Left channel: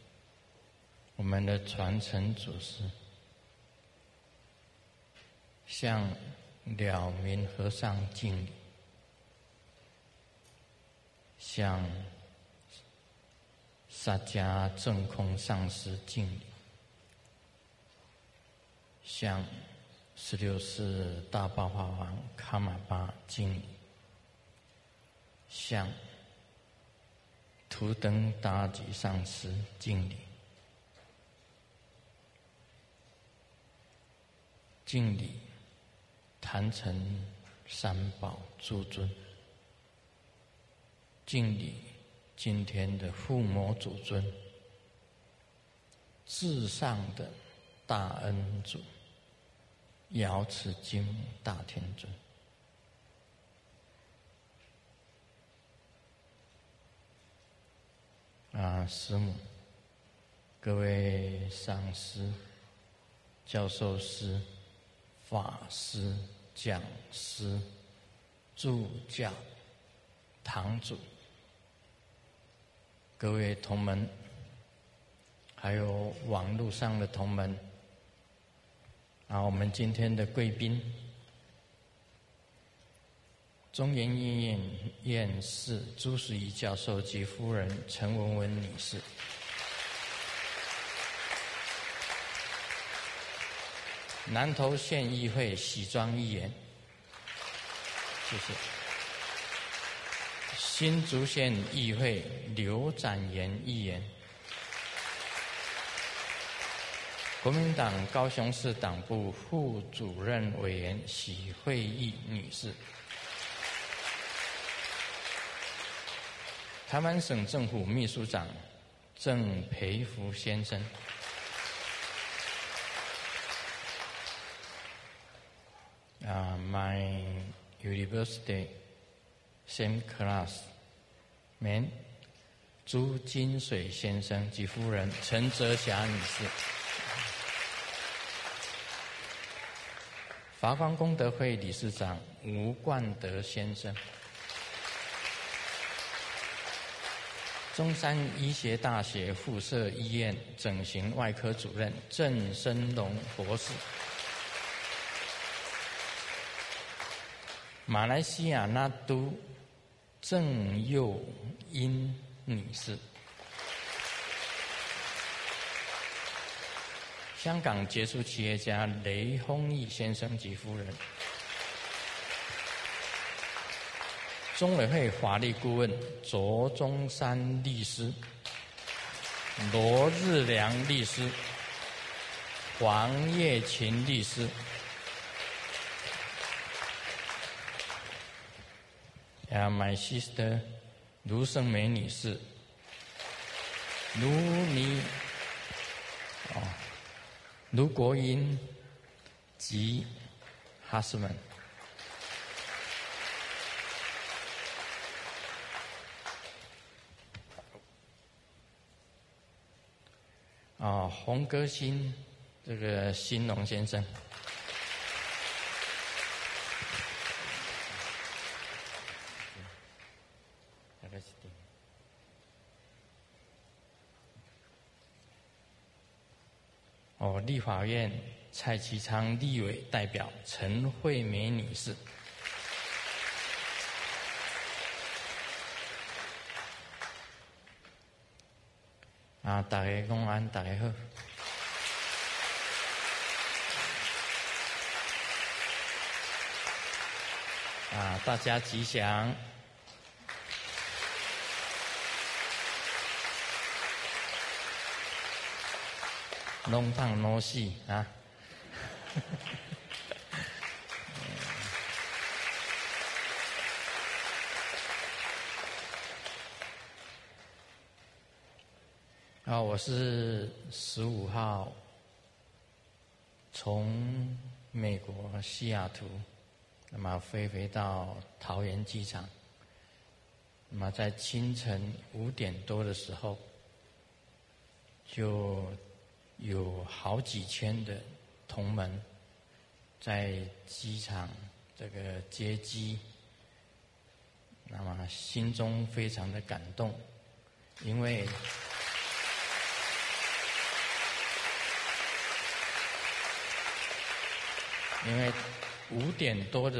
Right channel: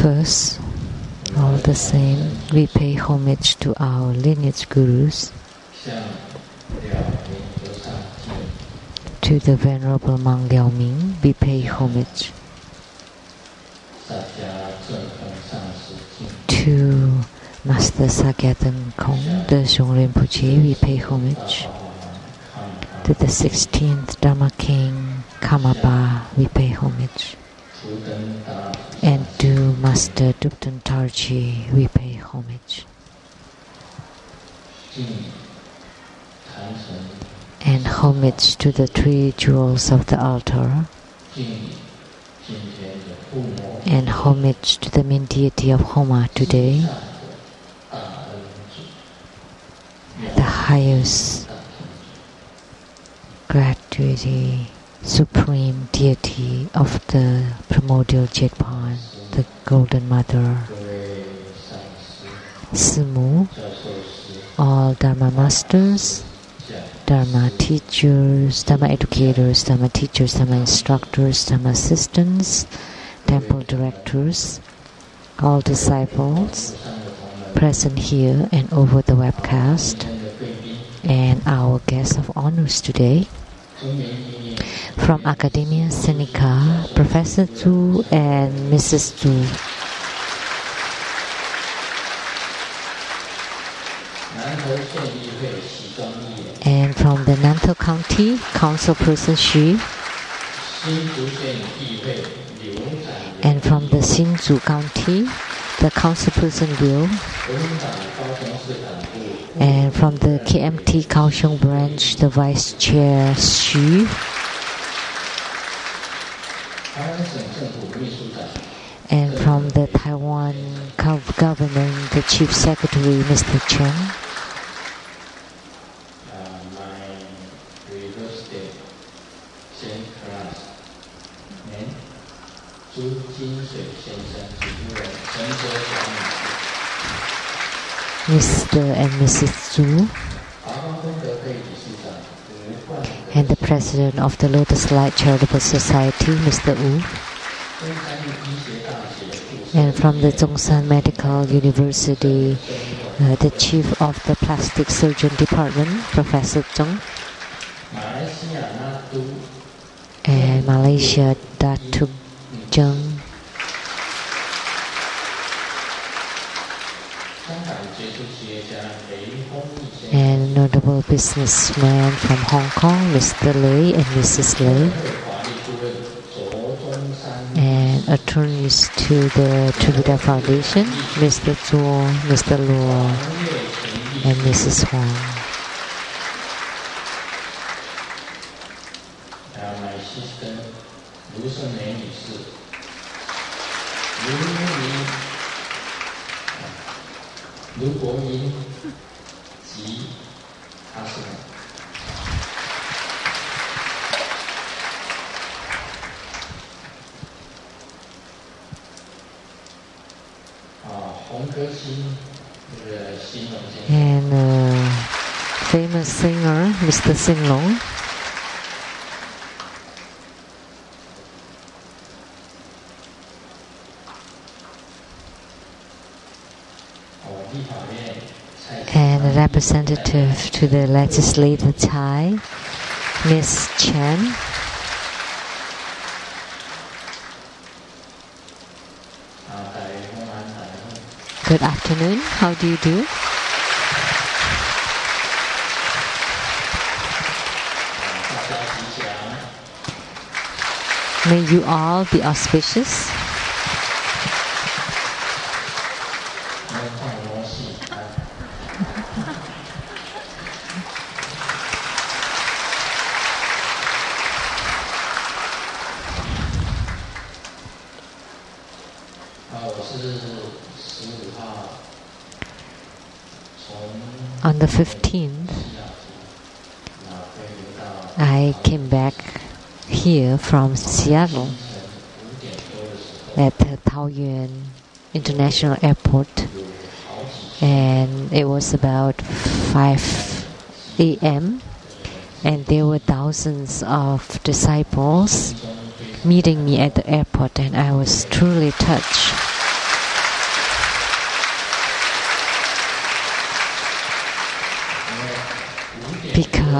First, all the same, we pay homage to our lineage gurus, to the Venerable Monk Liao Ming, we pay homage. To Master Sakyaten Kong, the Shung Rinpoche, we pay homage. To the 16th Dharma King, Kamapa, we pay homage. And to Master Dupten Tarji, we pay homage. And homage to the 3 jewels of the altar. And homage to the main deity of Homa today, the highest gratuity, supreme deity of the primordial Jetpan, the Golden Mother, Simu, all Dharma masters, Dharma teachers, Dharma educators, Dharma teachers, Dharma instructors, Dharma assistants, temple directors, all disciples present here and over the webcast, and our guests of honors today. From Academia Sinica, Professor Zhu and Mrs. Zhu. And from the Nantou County, Councilperson Xu. And from the Hsinchu County, the Councilperson Liu. And from the KMT Kaohsiung branch, the Vice Chair Xu. And from the Taiwan government, the Chief Secretary, Mr. Chen. Mr. and Mrs. Zhu, and the President of the Lotus Light Charitable Society, Mr. Wu, and from the Zhongshan Medical University, the Chief of the Plastic Surgeon Department, Professor Zheng, and Malaysia, Datuk Zheng, and notable businessman from Hong Kong, Mr. Lei and Mrs. Lei, and attorneys to the Trivida Foundation, Mr. Zhuo, Mr. Luo, and Mrs. Huang. My sister, Lu Shengmei 女士, Lu Guoyin 及他是洪歌新这个新龙先生 and famous singer Mr. Singlong. And a representative to the legislative Thai, Ms. Chen. Good afternoon. How do you do? May you all be auspicious. On the 15th, I came back here from Seattle at the Taoyuan International Airport, and it was about 5 a.m. and there were thousands of disciples meeting me at the airport, and I was truly touched.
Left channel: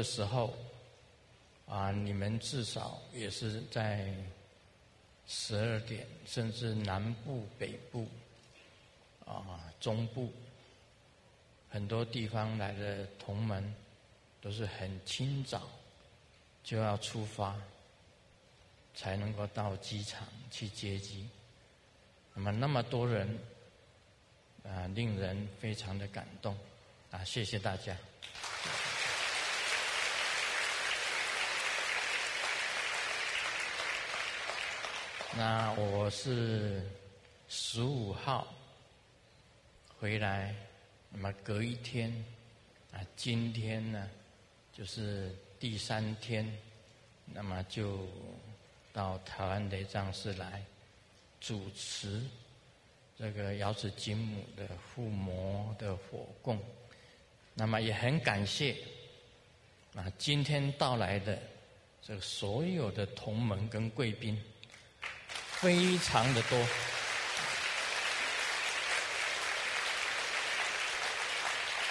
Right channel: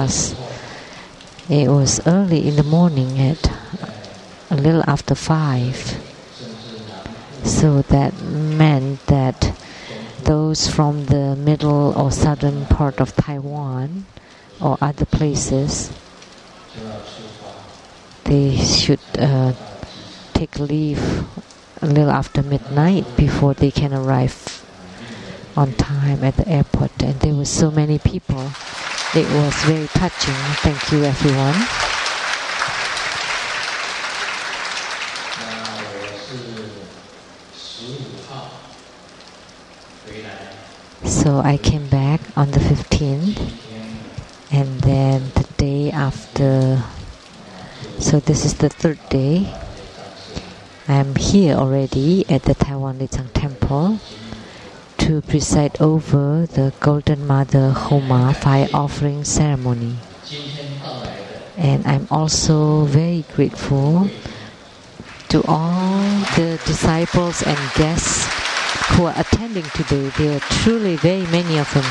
because it was early in the morning at a little after 5. So that meant that those from the middle or southern part of Taiwan or other places, they should take leave a little after midnight before they can arrive on time at the airport. And there were so many people. It was very touching. Thank you, everyone. So I came back on the 15th, and then the day after, so this is the 3rd day. I'm here already at the Taiwan Lichang Temple to preside over the Golden Mother Homa fire offering ceremony. And I'm also very grateful to all the disciples and guests who are attending today. There are truly very many of them.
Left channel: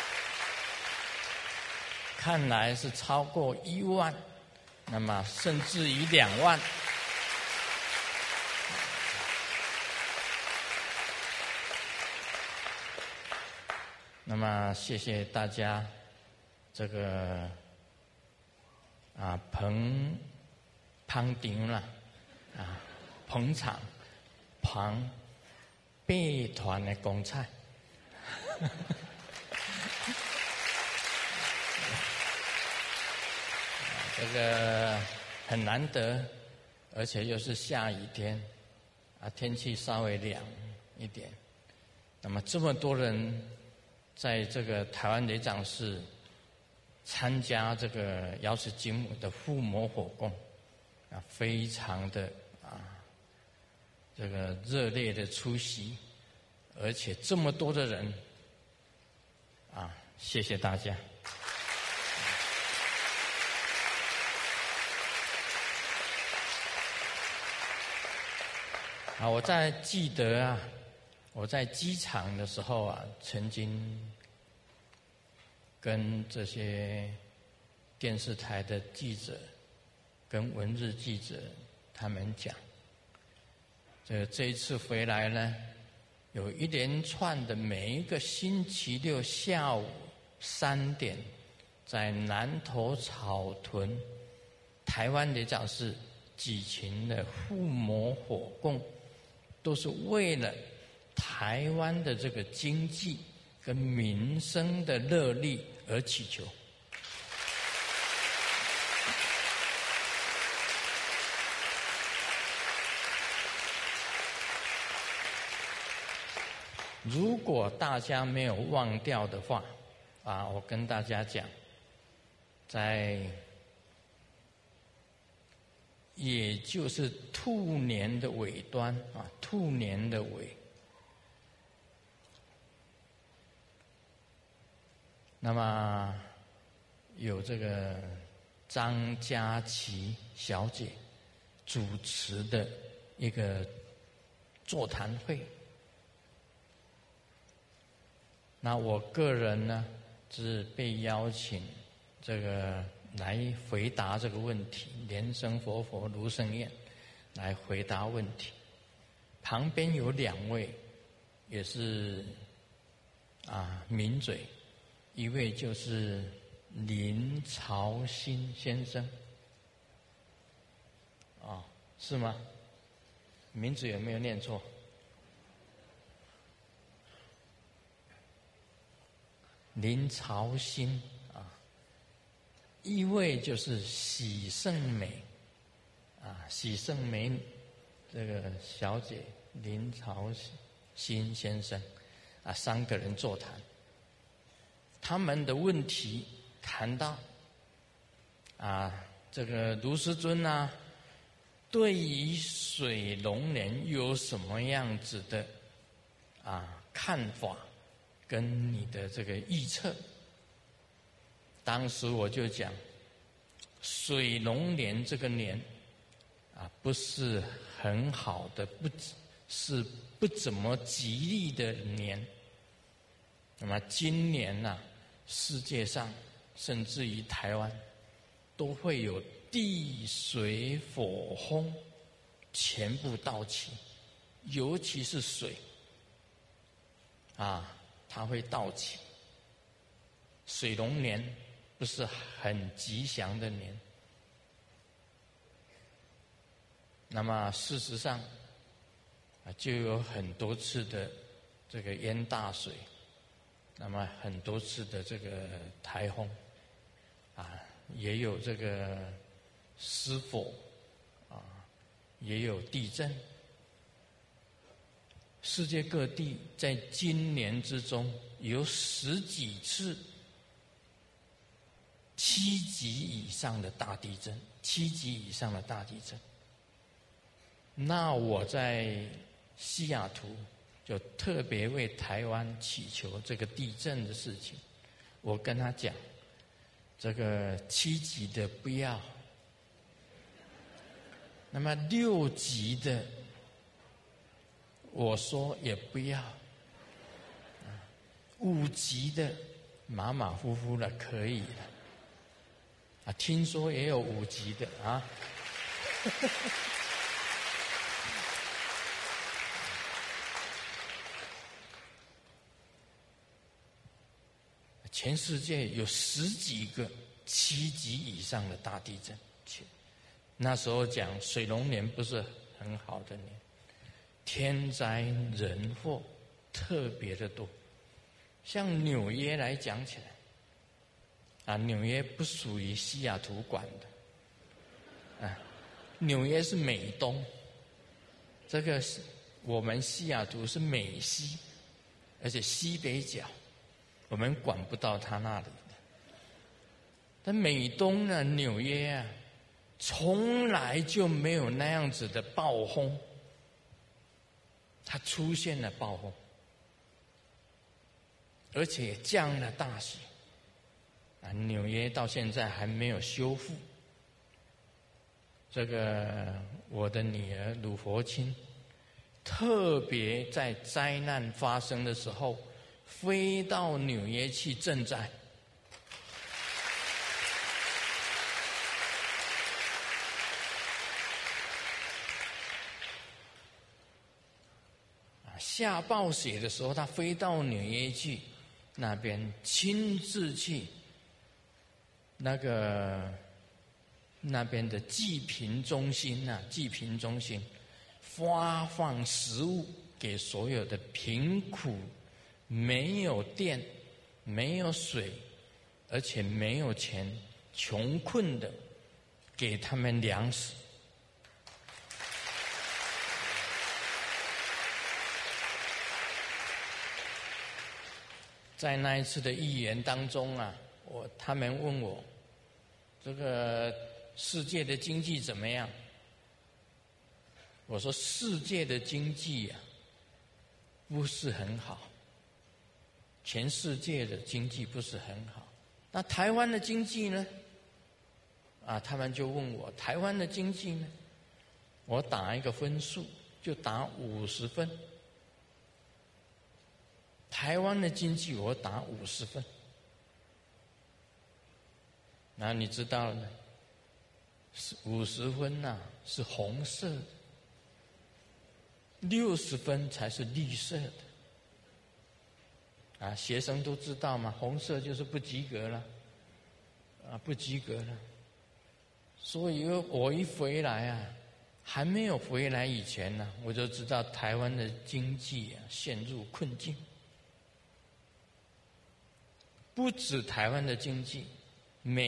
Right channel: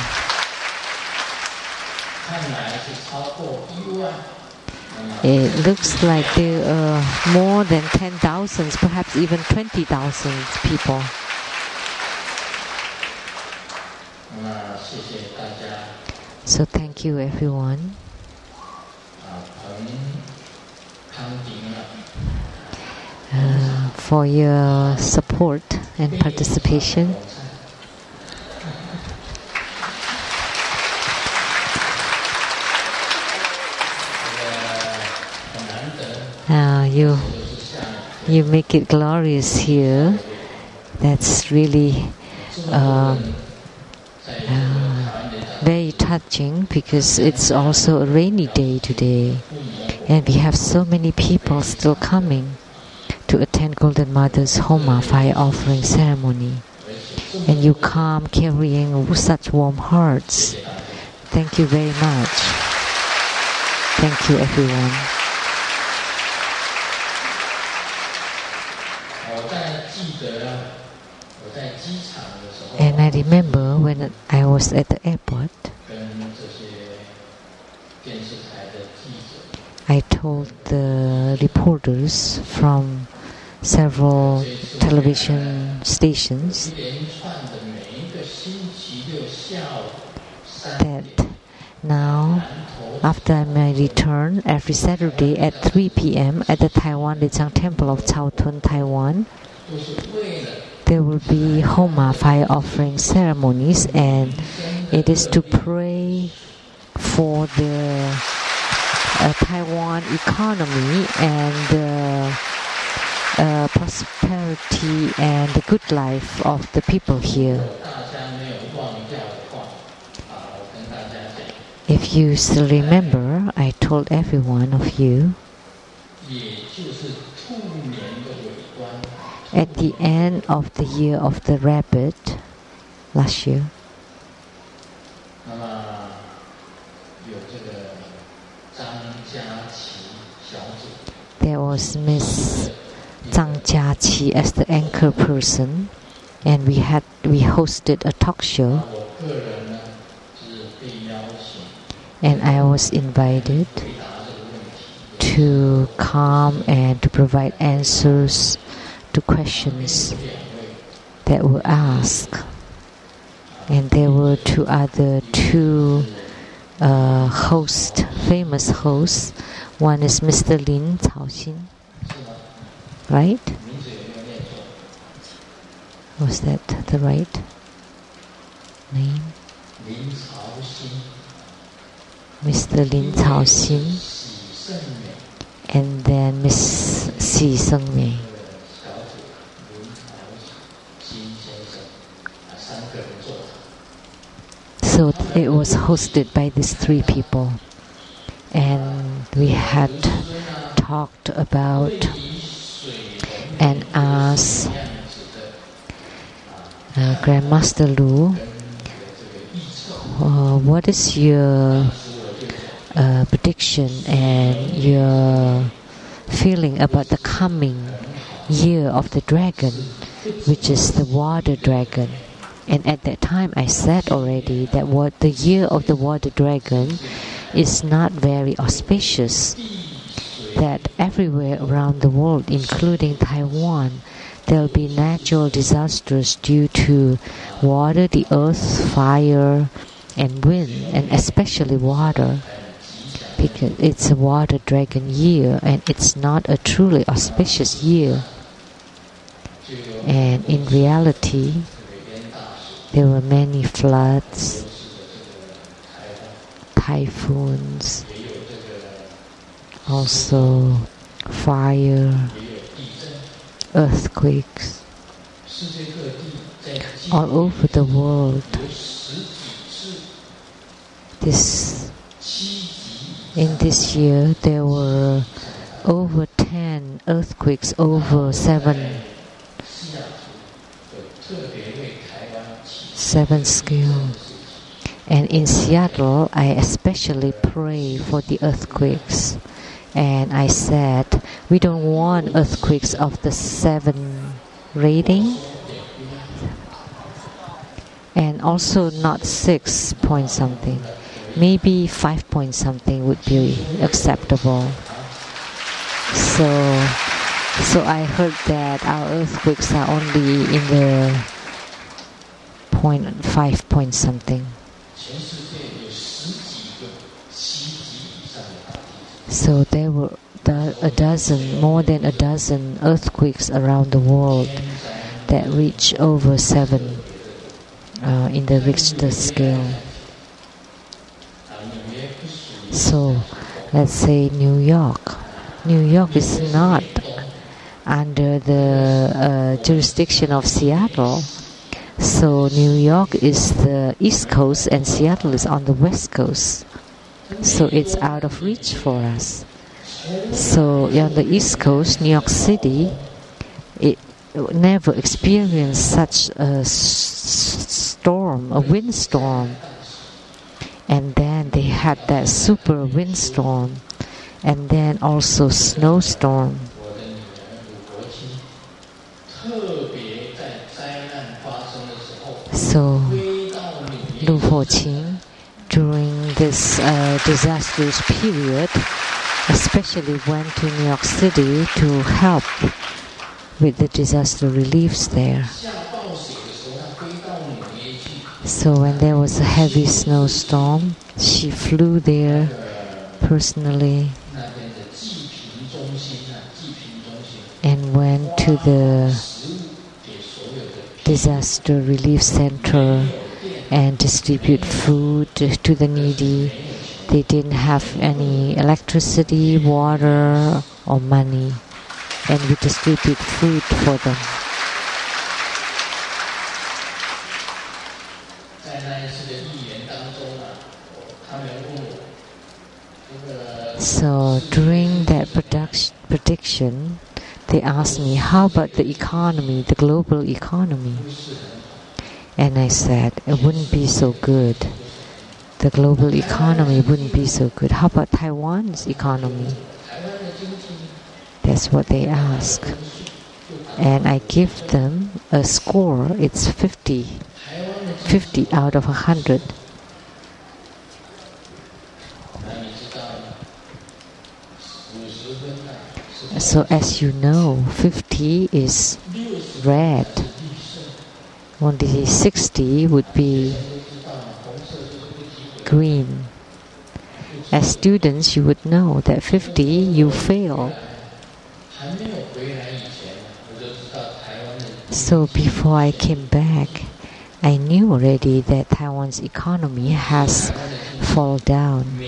It looks like there are more than 10,000, perhaps even 20,000 people. So thank you, everyone. For your support and participation. You make it glorious here. That's really very touching, because it's also a rainy day today, and we have so many people still coming to attend Golden Mother's Homa fire offering ceremony. And you come carrying such warm hearts. Thank you very much. Thank you, everyone. And I remember when I was at the airport, I told the reporters from several television stations that now, after my return, every Saturday at 3 p.m. at the Taiwan Lichang Temple of Chaotun, Taiwan, there will be Homa fire offering ceremonies, and it is to pray for the Taiwan economy and the prosperity and the good life of the people here. If you still remember, I told every one of you, at the end of the year of the rabbit last year, there was Miss Zhang Jiaqi as the anchor person, and we hosted a talk show, and I was invited to come and to provide answers to questions that were asked. And there were two hosts, famous hosts. One is Mr. Lin Caoxin, right? Was that the right name? Mr. Lin Caoxin, and then Miss Xi Sengmei. So it was hosted by these three people, and we had talked about and asked Grandmaster Lu, what is your prediction and your feeling about the coming year of the dragon, which is the water dragon? And at that time I said already that the year of the water dragon is not very auspicious. That everywhere around the world, including Taiwan, there will be natural disasters due to water, the earth, fire, and wind, and especially water, because it's a water dragon year and it's not a truly auspicious year. And in reality, there were many floods, typhoons, also fire, earthquakes all over the world. In this year, there were over 10 earthquakes, over seven scale. And in Seattle, I especially pray for the earthquakes. And I said, we don't want earthquakes of the 7 rating. And also not 6 point something. Maybe 5 point something would be acceptable. So I heard that our earthquakes are only in the 5 point something. So there were more than a dozen earthquakes around the world that reach over 7 in the Richter scale. So let's say New York. New York is not under the jurisdiction of Seattle. So New York is the East Coast and Seattle is on the West Coast. So it's out of reach for us. So on the East Coast, New York City, it never experienced such a storm, a windstorm. And then they had that super windstorm, and then also snowstorm. So Lu Ho-Qing, during this disastrous period, especially went to New York City to help with the disaster reliefs there. So when there was a heavy snowstorm, she flew there personally and went to the disaster relief center and distribute food to the needy. They didn't have any electricity, water, or money, and we distribute food for them. So during that prediction, they asked me, how about the economy, the global economy? And I said, it wouldn't be so good. The global economy wouldn't be so good. How about Taiwan's economy? That's what they ask. And I give them a score. It's 50 out of 100. So as you know, 50 is red. Only 60 would be green. As students, you would know that 50 you fail. So before I came back, I knew already that Taiwan's economy has fallen down.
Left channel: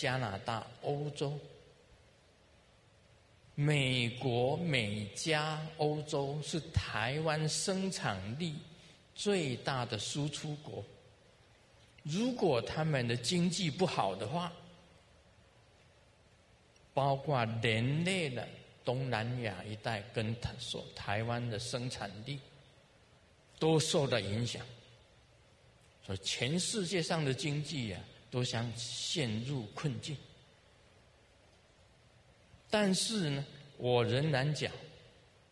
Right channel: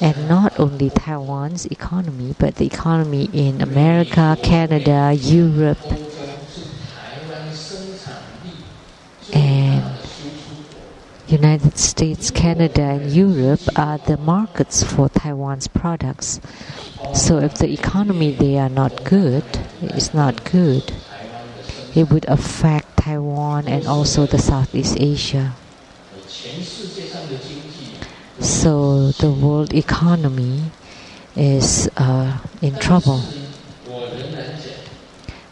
And not only Taiwan's economy, but the economy in America, Canada, Europe, and United States, Canada, and Europe are the markets for Taiwan's products. So if the economy there are not good, is not good, it would affect Taiwan and also the Southeast Asia. So the world economy is in trouble.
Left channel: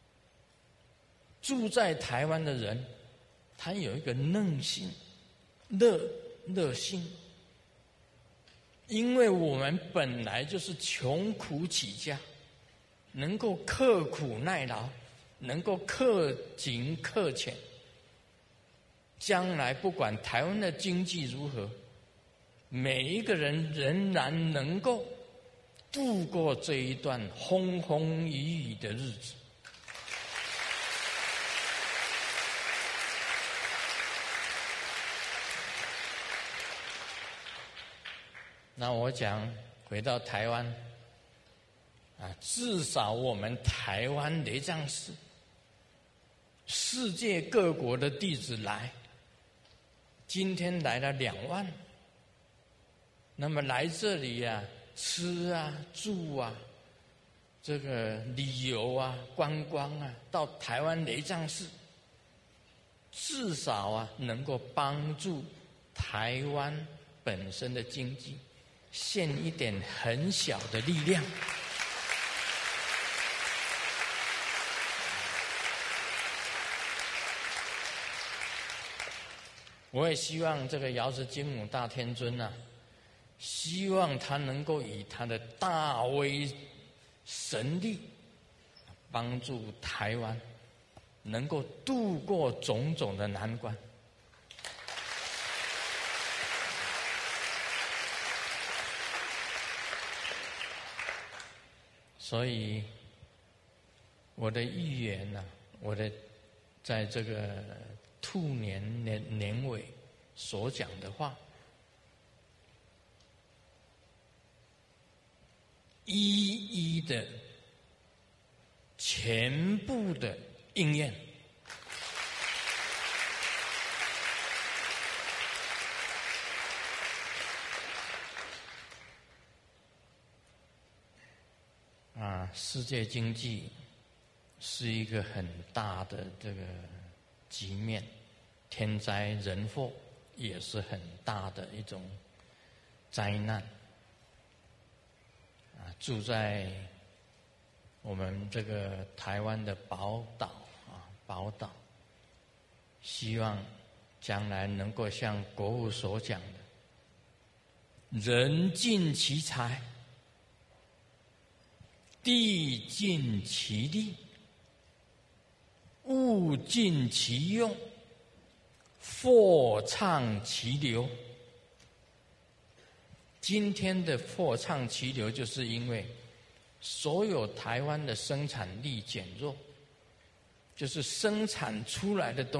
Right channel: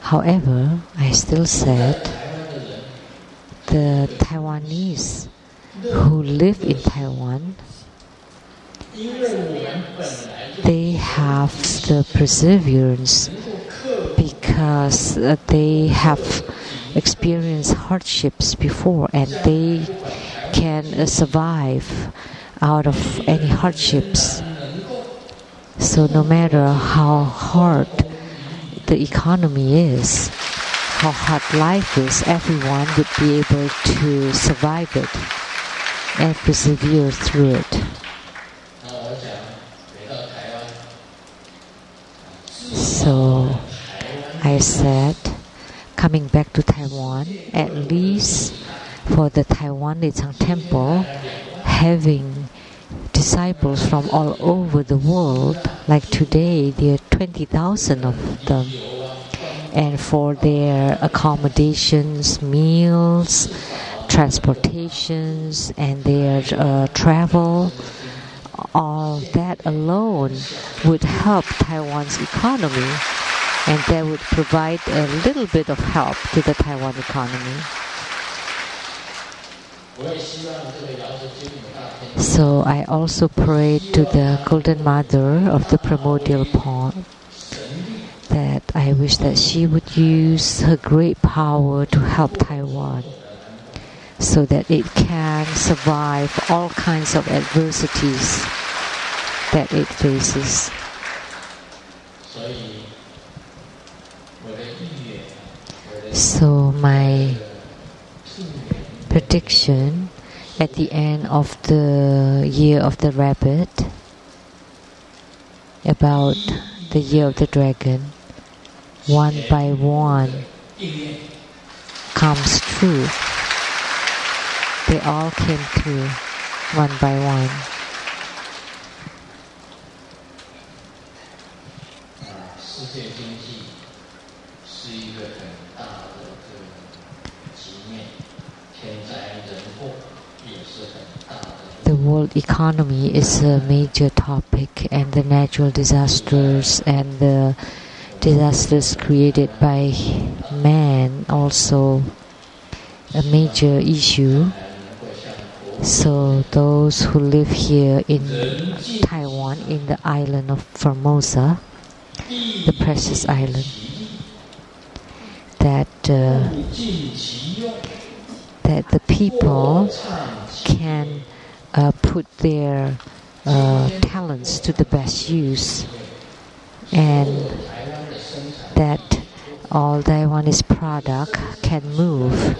However, I still said the Taiwanese who live in Taiwan, they have the perseverance because they have experienced hardships before, and they can survive out of any hardships. So no matter how hard the economy is, how hard life is, everyone would be able to survive it and persevere through it. So I said, coming back to Taiwan, at least for the Taiwan Lichang Temple, having disciples from all over the world, like today there are 20,000 of them, and for their accommodations, meals, transportations, and their travel, all that alone would help Taiwan's economy, and that would provide a little bit of help to the Taiwan economy. So I also prayed to the Golden Mother of the Primordial Pond that I wish that she would use her great power to help Taiwan so that it can survive all kinds of adversities that it faces. So my prediction at the end of the year of the rabbit, about the year of the dragon, one by one comes true. They all came true, one by one. The world economy is a major topic, and the natural disasters and the disasters created by man also a major issue. So those who live here in Taiwan, in the island of Formosa, the precious island, that the people can put their talents to the best use, and that all Taiwanese product can move.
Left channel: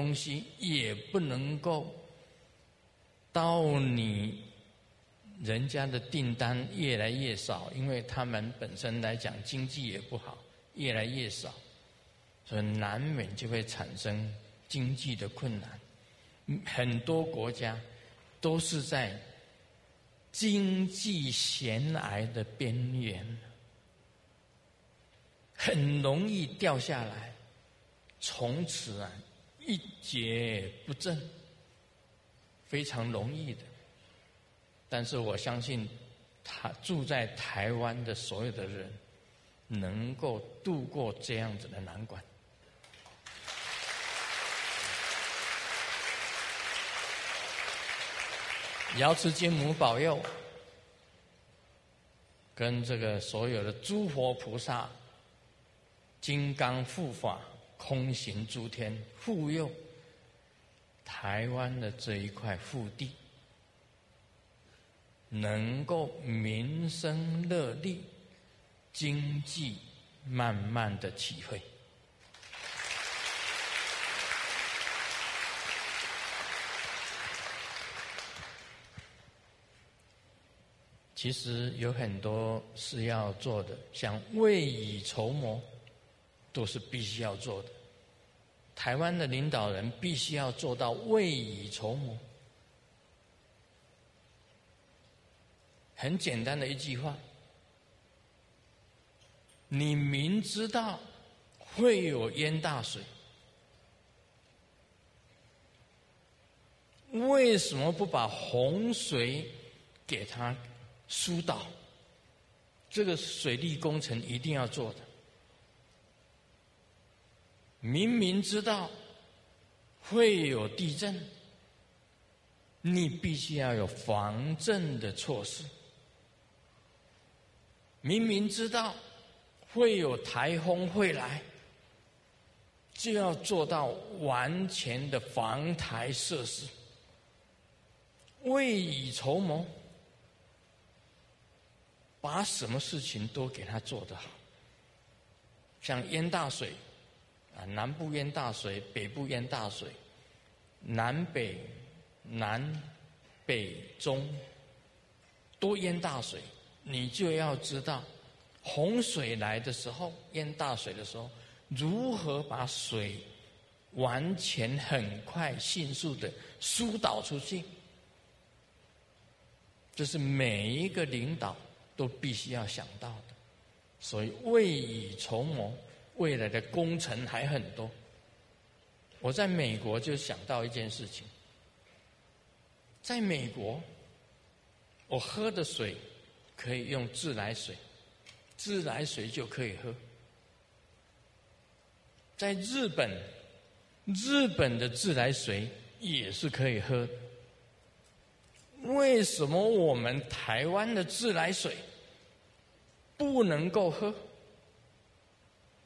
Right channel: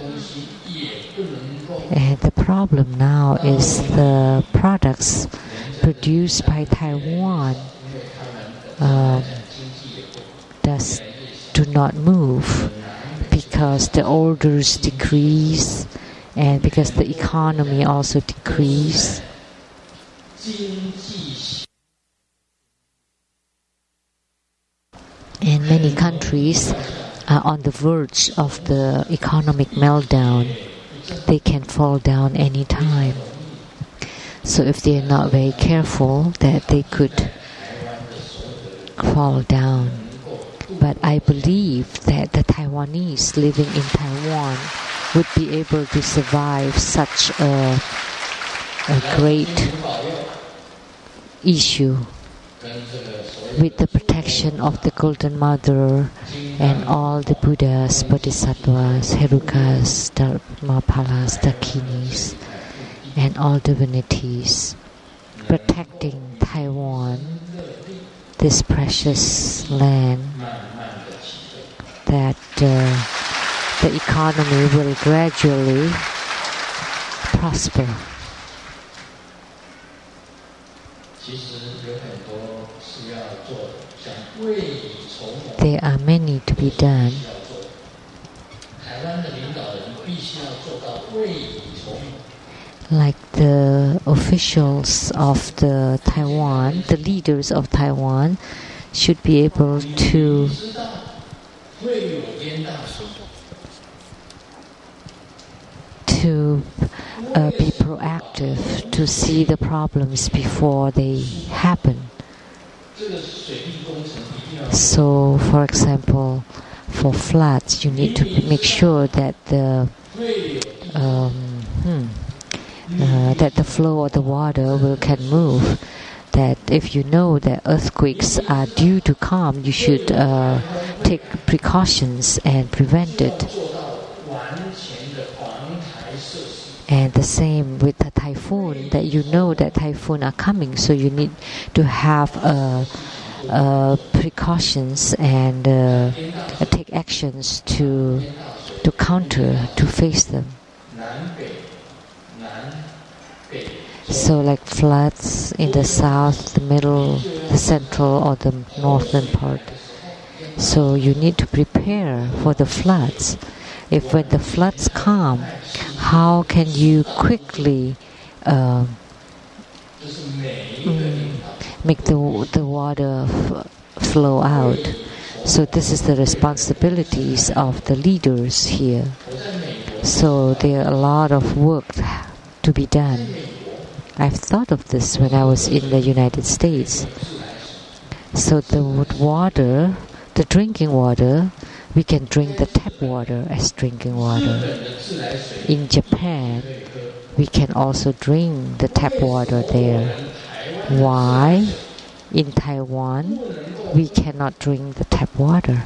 And the problem now is the products produced by Taiwan do not move because the orders decrease and because the economy also decrease. And many countries are on the verge of the economic meltdown. They can fall down any time. So if they are not very careful, that they could fall down. But I believe that the Taiwanese living in Taiwan would be able to survive such a great issue with the protection of the Golden Mother and all the Buddhas, Bodhisattvas, Herukas, Dharmapalas, Dakinis, and all divinities protecting Taiwan, this precious land, that the economy will gradually prosper. There are many to be done. Like the officials of the Taiwan, the leaders of Taiwan, should be able to be proactive, to see the problems before they happen. So, for example, for floods, you need to make sure that the flow of the water can move. that if you know that earthquakes are due to come, you should take precautions and prevent it. And the same with the typhoon, that you know that typhoon are coming, so you need to have precautions and take actions to counter, to face them. So like floods in the south, the middle, the central or the northern part. So you need to prepare for the floods. If when the floods come, how can you quickly make the water flow out? So this is the responsibilities of the leaders here. So there are a lot of work to be done. I've thought of this when I was in the United States. So the water, the drinking water, we can drink the tap water as drinking water. In Japan, we can also drink the tap water there. Why? In Taiwan, we cannot drink the tap water.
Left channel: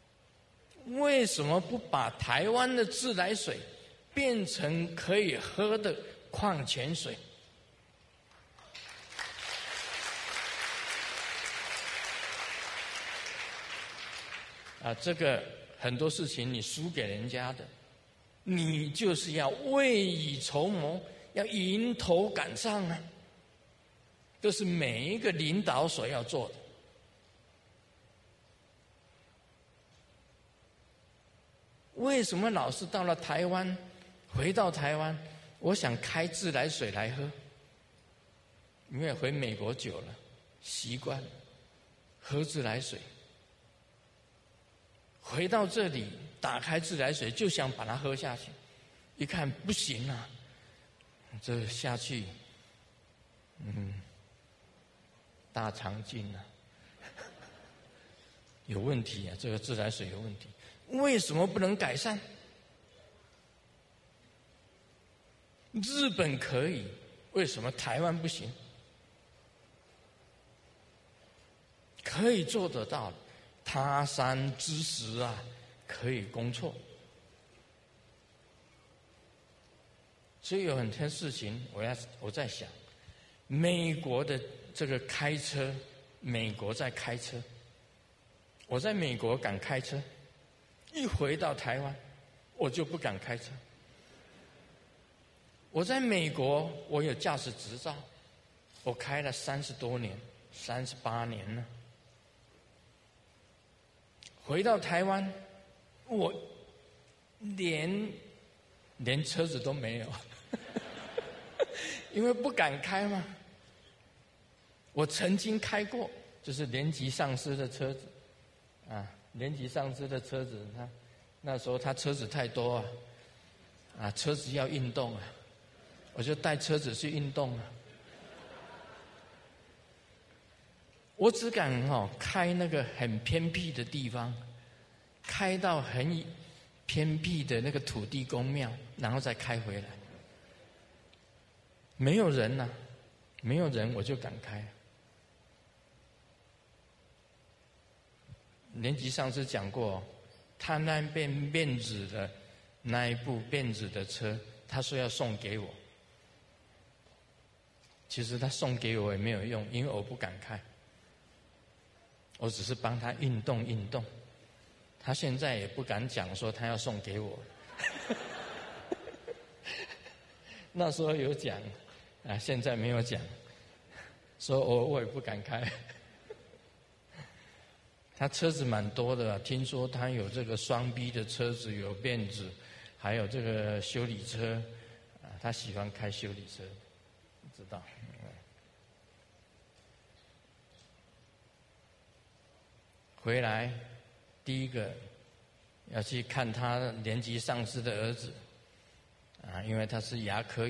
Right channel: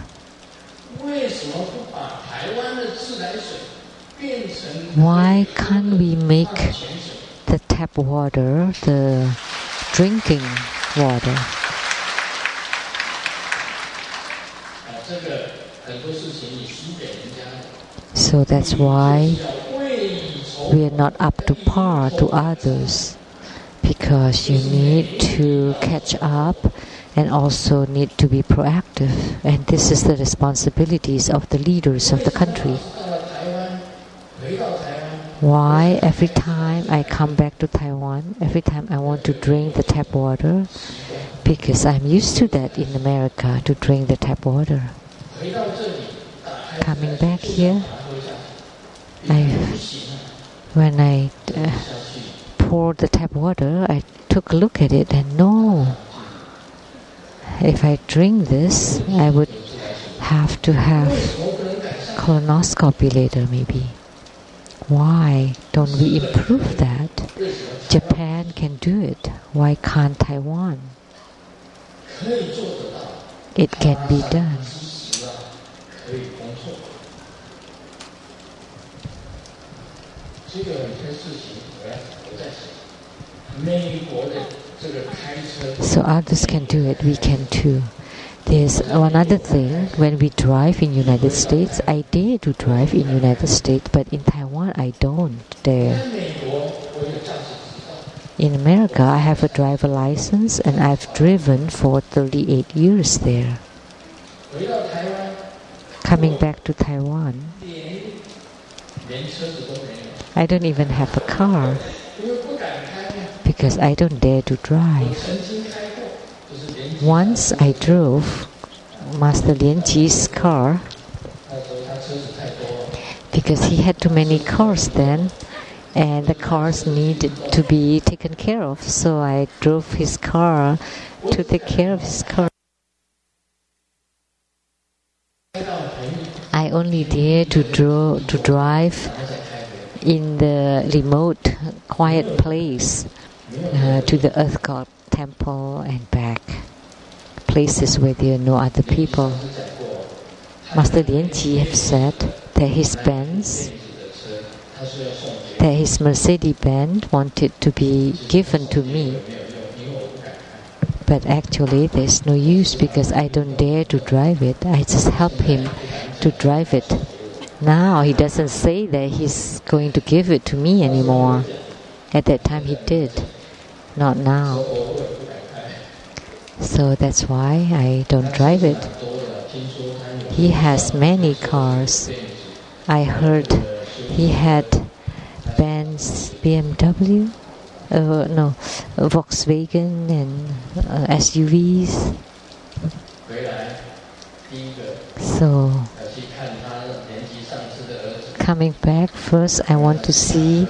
Why can't we make the tap water the drinking water? So that's why we are not up to par to others, because you need to catch up and also need to be proactive. And this is the responsibilities of the leaders of the country. Why every time I come back to Taiwan, every time I want to drink the tap water? Because I'm used to that in America, to drink the tap water. Coming back here, when I poured the tap water, I took a look at it and no, if I drink this, I would have to have colonoscopy later maybe. Why don't we improve that? Japan can do it. Why can't Taiwan? It can be done. So others can do it, we can too. There's one other thing, when we drive in United States, I dare to drive in United States, but in Taiwan I don't dare. In America I have a driver license and I've driven for 38 years there. Coming back to Taiwan, I don't even have a car because I don't dare to drive. Once I drove Master Lian Ji's car because he had too many cars then and the cars needed to be taken care of, so I drove his car to take care of his car. I only dare to drive in the remote, quiet place to the Earth God temple and back, places where there are no other people. Master Lian Ji have said that his Mercedes-Benz wanted to be given to me. But actually there's no use because I don't dare to drive it. I just help him to drive it. Now he doesn't say that he's going to give it to me anymore. At that time he did. Not now. So that's why I don't drive it. He has many cars. I heard he had Benz, BMW, Volkswagen and SUVs. So coming back, first I want to see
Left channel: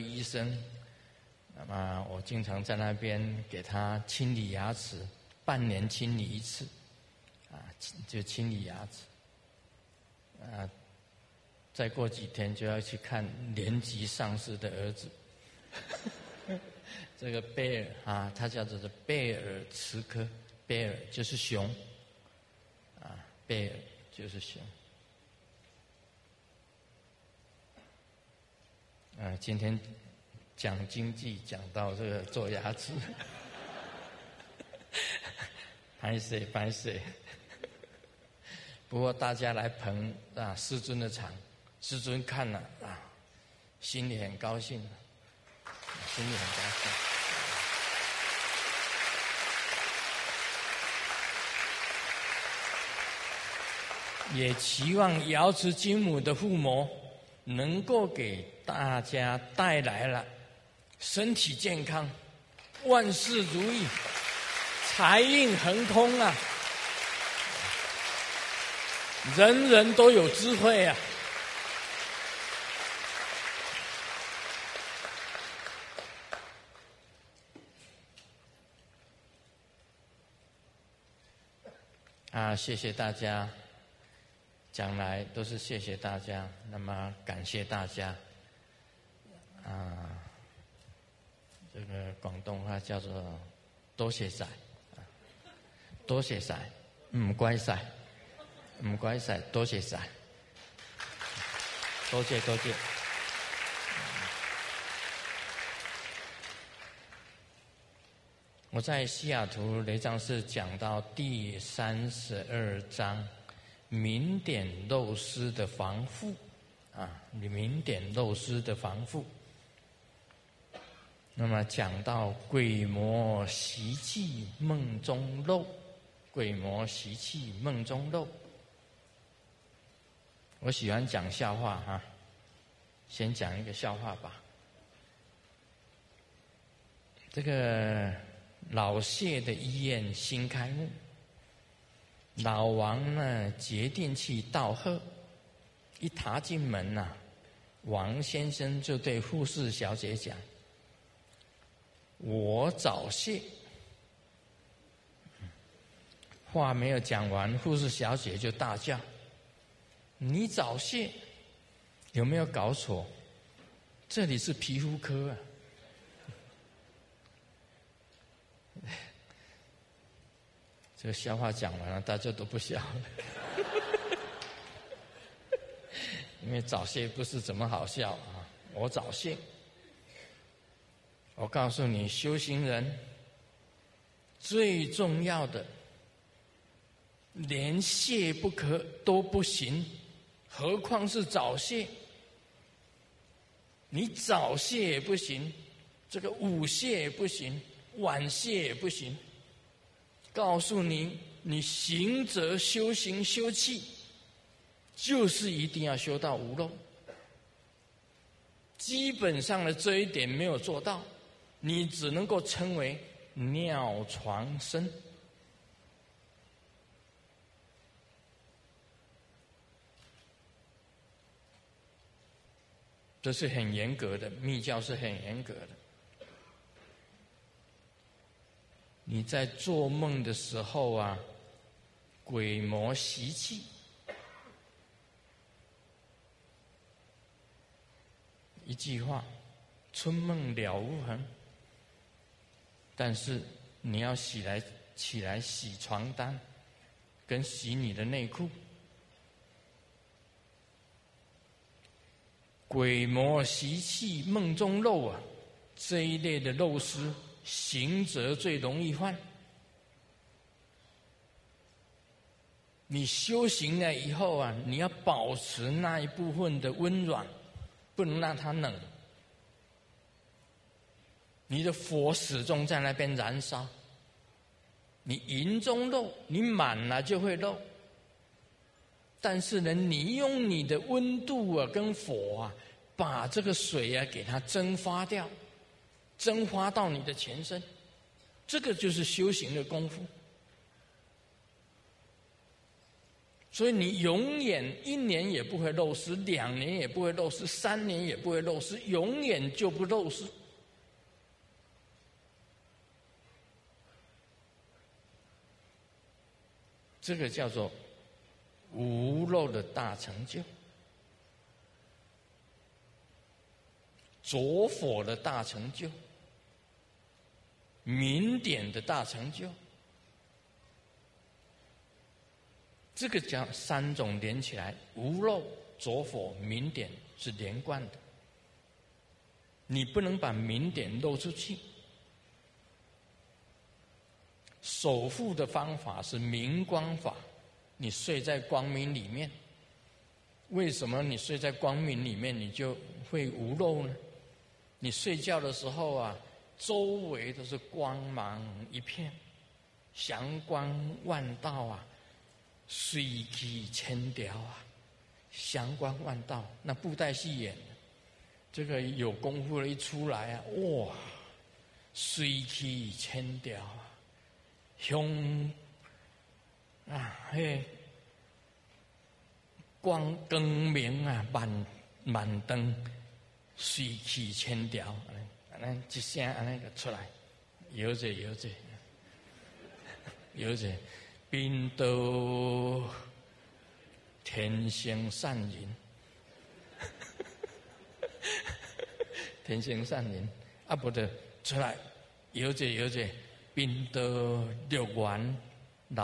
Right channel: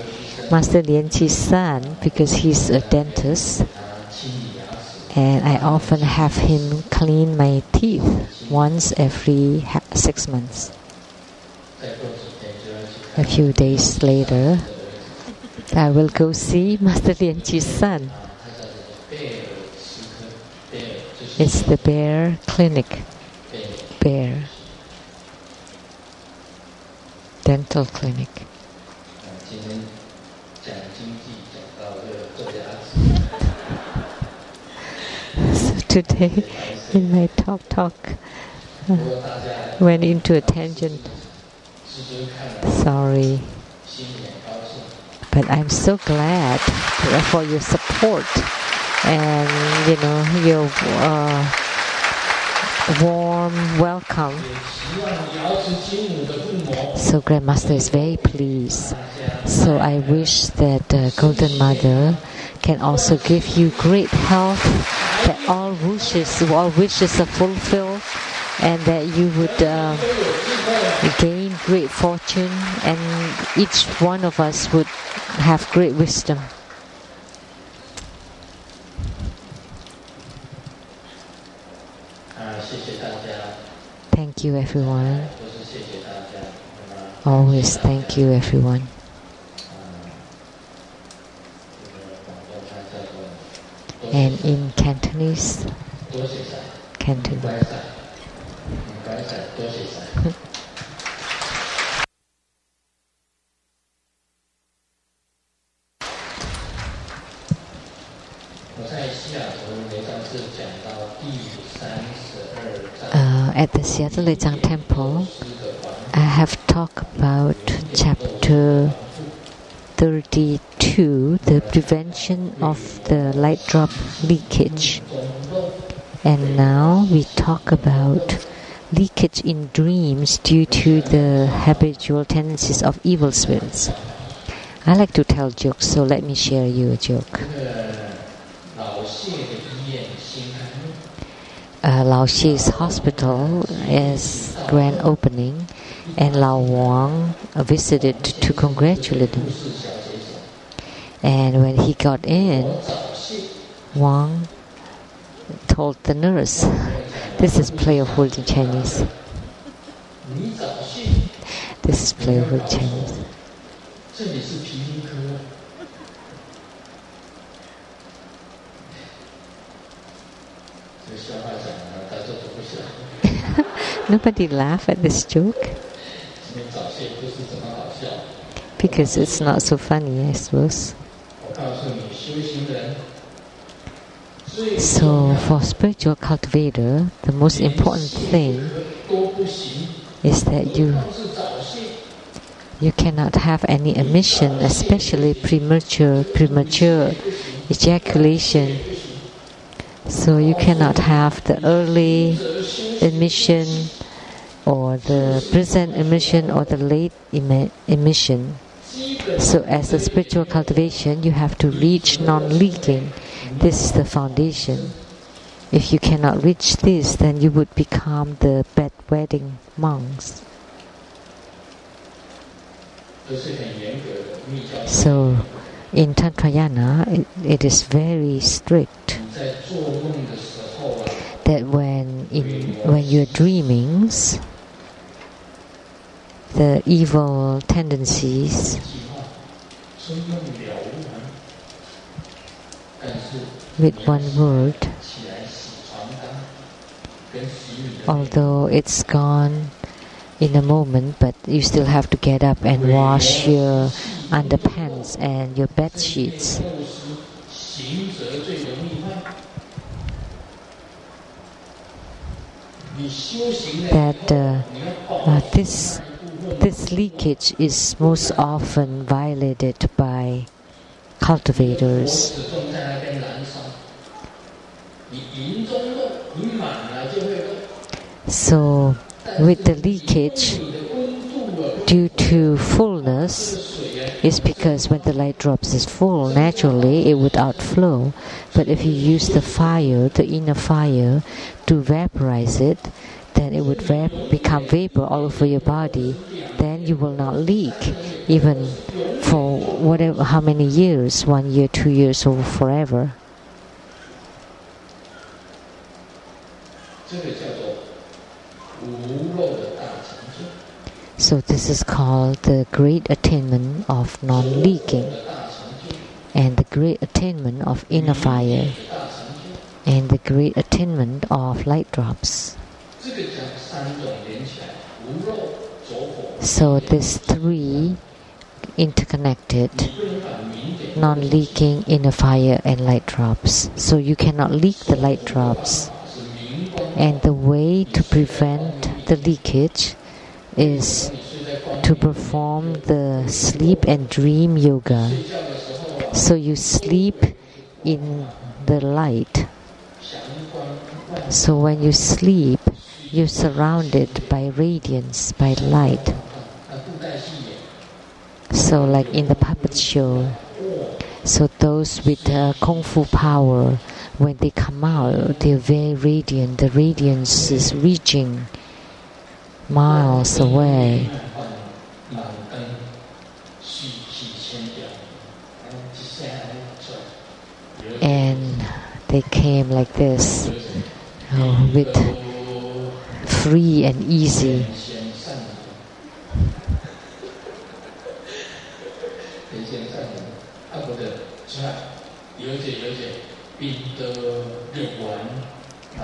Master Lian Ji's son because he's a dentist. And I often have him clean my teeth once every 6 months. A few days later, I will go see Master Lian Ji's son. It's the Bear Clinic. Bear Dental Clinic. So today, in my talk, went into a tangent. Sorry. But I'm so glad for your support and your warm welcome. So Grandmaster is very pleased. So I wish that Golden Mother can also give you great health, that all wishes are fulfilled, and that you would gain great fortune, and each one of us would have great wisdom. Thank you, everyone. Always thank you, everyone. And in Cantonese, Cantonese. 我在西雅图雷藏寺讲到第32章。At the Seattle Lechang Temple, I have talked about chapter 32, the prevention of the light drop leakage. And now we talk about leakage in dreams due to the habitual tendencies of evil spirits. I like to tell jokes, so let me share you a joke. Lao Xie's hospital is grand opening, and Lao Wang visited to congratulate him. And when he got in, Wang told the nurse, this is playful in Chinese. This is playful in Chinese. Nobody laughed at this joke because it's not so funny, I suppose. So for spiritual cultivator, the most important thing is that you cannot have any emission, especially premature ejaculation. So you cannot have the early emission or the present emission or the late emission. So as a spiritual cultivation, you have to reach non-leaking. This is the foundation. If you cannot reach this, then you would become the bedwetting monks. So in Tantrayana, it is very strict that when you're dreaming, the evil tendencies, with one word, although it's gone in a moment, but you still have to get up and wash your underpants and your bed sheets. That this leakage is most often violated by cultivators. So with the leakage due to fullness, is because when the light drops is full, naturally it would outflow. But if you use the fire, the inner fire, to vaporize it, then it would become vapor all over your body. Then you will not leak, even for how many years, 1 year, 2 years, or forever. So this is called the great attainment of non-leaking and the great attainment of inner fire. and the great attainment of light drops. So these three interconnected, non-leaking inner fire and light drops. So you cannot leak the light drops. And the way to prevent the leakage is to perform the sleep and dream yoga. So you sleep in the light. So when you sleep, you're surrounded by radiance, by light. So like in the puppet show, so those with Kung Fu power, when they come out, they're very radiant. The radiance is reaching miles away. And they came like this, with free and easy.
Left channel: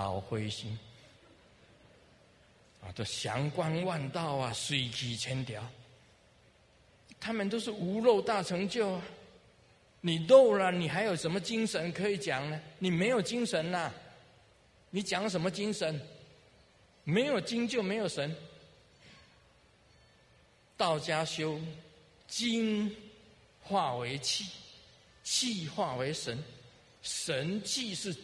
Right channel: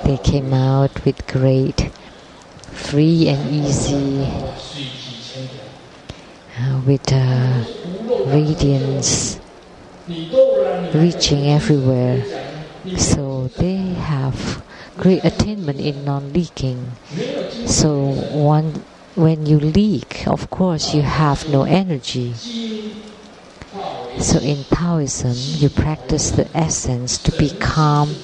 They came out with great, free and easy, with radiance reaching everywhere. So they have great attainment in non-leaking. So when you leak, of course you have no energy. So in Taoism, you practice the essence to become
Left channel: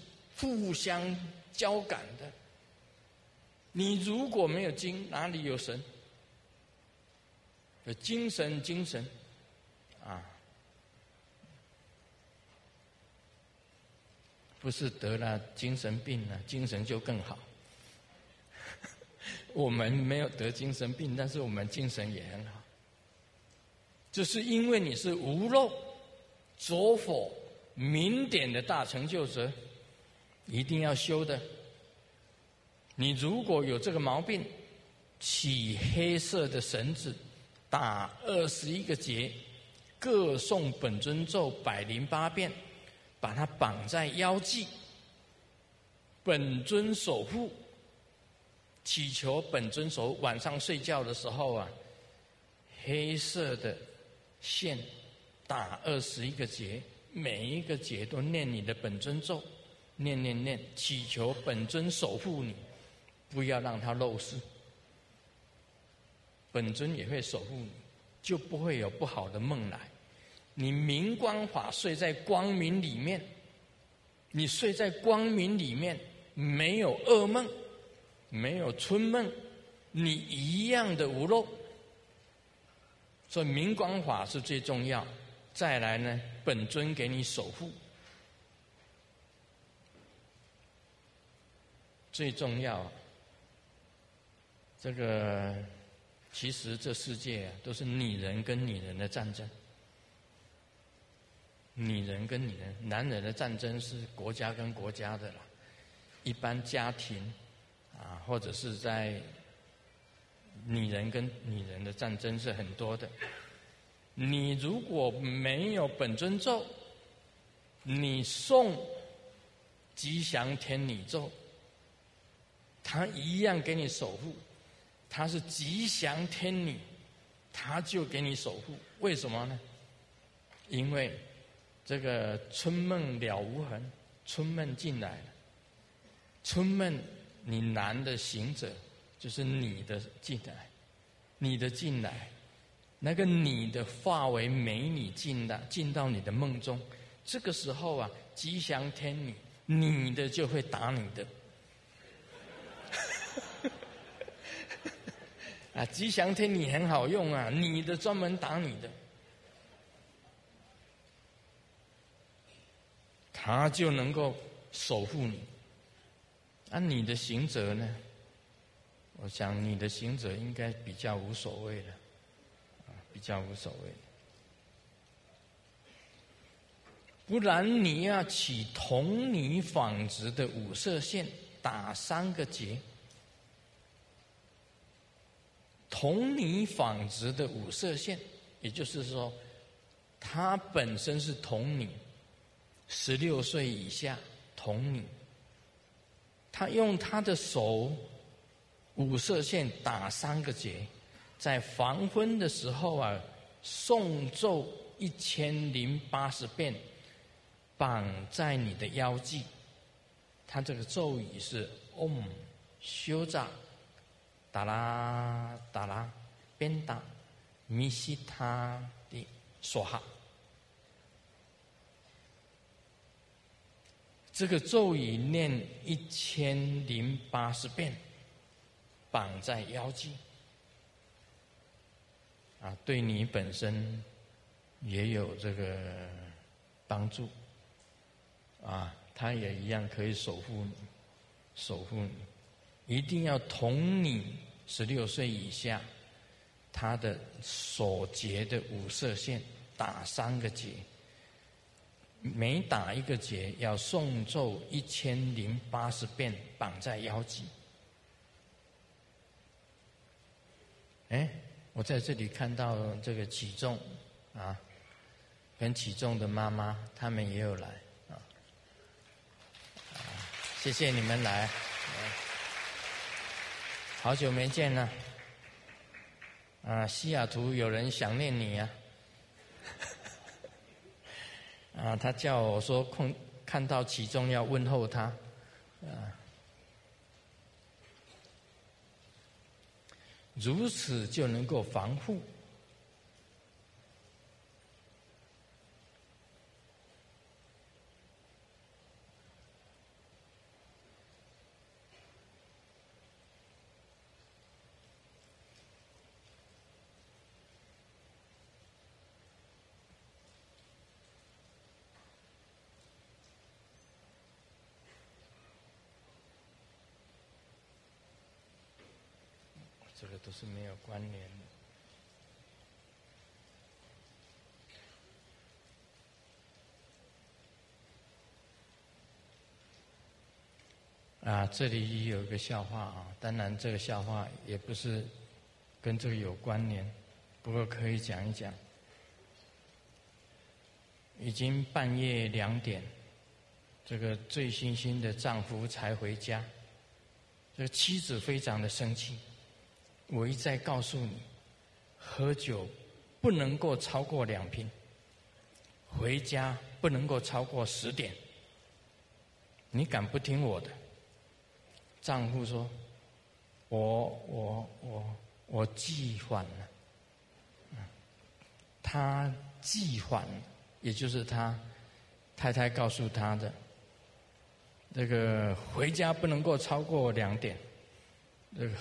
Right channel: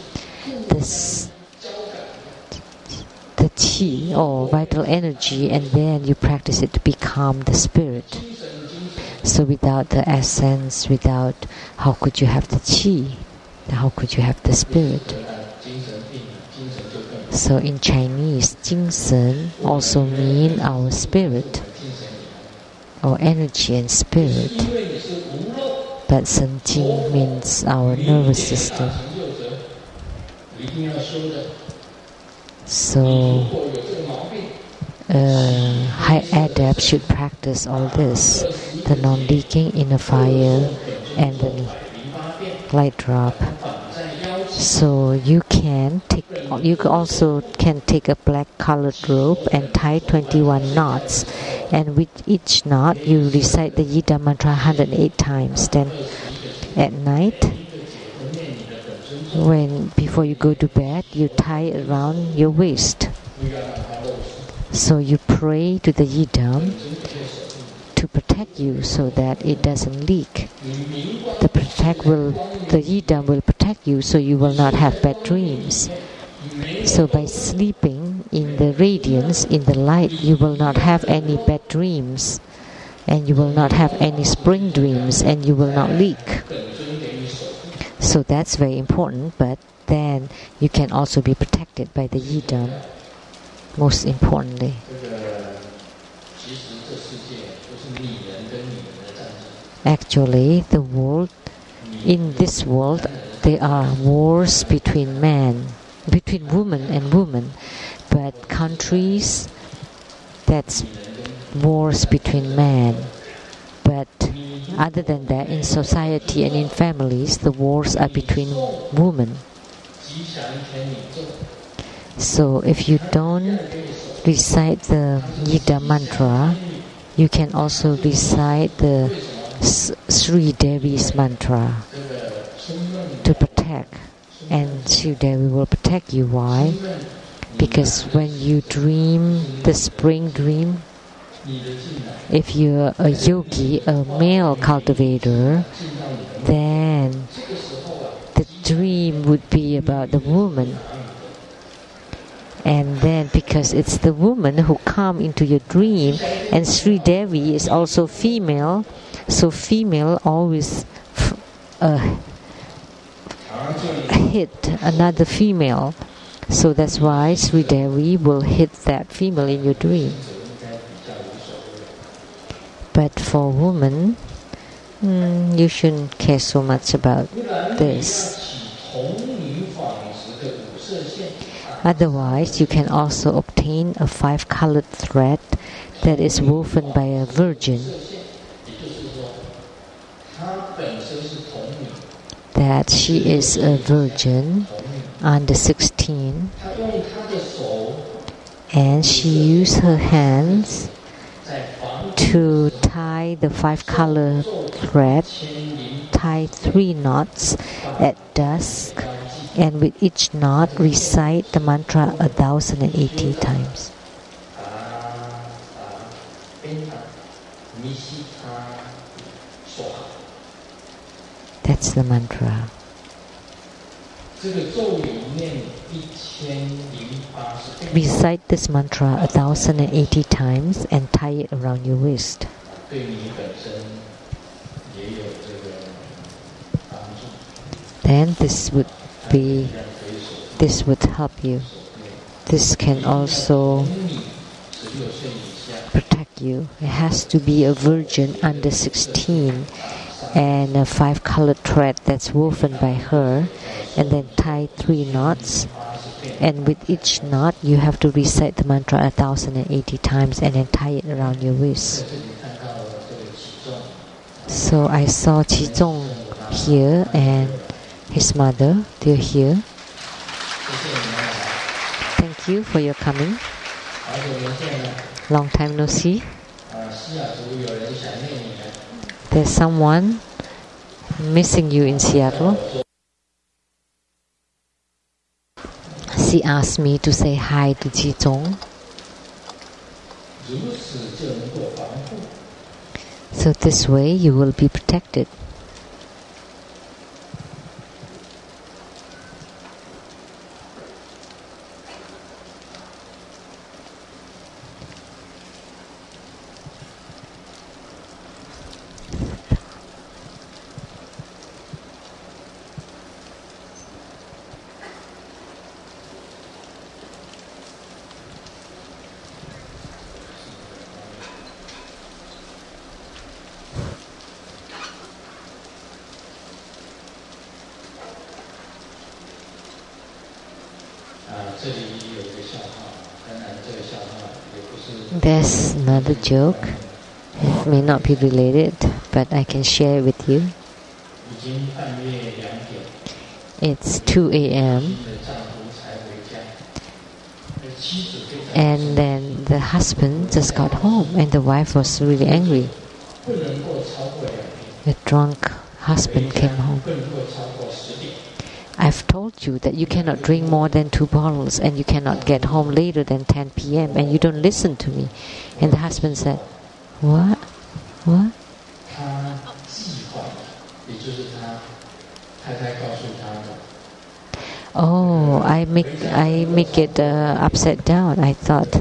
the qi or vital energy, and then you practice it to become the spirit. So without the essence, how could you have the qi? How could you have the spirit? So in Chinese, 精神 also mean our spirit, our energy and spirit. But 神经 means our nervous system. So high adept should practice all this, the non-leaking inner fire and the light drop. So you also can take a black colored rope and tie 21 knots, and with each knot you recite the Yida mantra 108 times. Then at night, before you go to bed, you tie around your waist. So you pray to the Yidam to protect you so that it doesn't leak. The Yidam will protect you so you will not have bad dreams. So by sleeping in the radiance, in the light, you will not have any bad dreams, and you will not have any spring dreams, and you will not leak. So that's very important, but then you can also be protected by the Yidam, most importantly. Actually, in this world, there are wars between woman and woman, but countries, that's wars between men. But other than that, in society and in families, the wars are between women. So if you don't recite the Yida mantra, you can also recite the Sri Devi's mantra to protect, and Sri Devi will protect you. Why? Because when you dream the spring dream, if you're a yogi, a male cultivator, then the dream would be about the woman. And then because it's the woman who come into your dream, and Sri Devi is also female, so female always hit another female. So that's why Sri Devi will hit that female in your dream. But for women, you shouldn't care so much about this. Otherwise, you can also obtain a 5-colored thread that is woven by a virgin. That she is a virgin, on the 16th, 他用他的手 and she used her hands 在黄昏的 to 时候 tie the 5-color thread, 1080 tie 3 knots at 在 dusk, 标记 and with each knot recite the mantra 1,080 times. 达达边达尼西他说好。 That's the mantra. 这个咒语念1080遍， Recite this mantra 1,080 times and tie it around your waist. 对你本身也有这个帮助。 Then this would 它也 be 一样可以守护 this would help you. 守护你。 This 一 can 定要 also 从你16岁以下， protect you. It has to be a virgin under 16 and a 5-color thread that's woven by her, and then tie 3 knots, and with each knot you have to recite the mantra 1,080 times and then tie it around your 在 waist. 这里看到了这个起重， So I saw Qizong here and his mother. They're here. 谢谢你们来， Thank you for your coming. 好久没见了。 Long time no see. 西雅图有人想念你啊。 There's someone missing you in Seattle. 我说看到其中要问候他， She asked me to say hi to Qizong. 如此就能够防护。 So this way you will be protected. There's another joke. It may not be related, but I can share it with you. It's 2 a.m. and then the husband just got home and the wife was really angry. The drunk husband came home. I've told you that you cannot drink more than 2 bottles and you cannot get home later than 10 p.m. and you don't listen to me. And the husband said, What? What? Oh, I make it upside down. I thought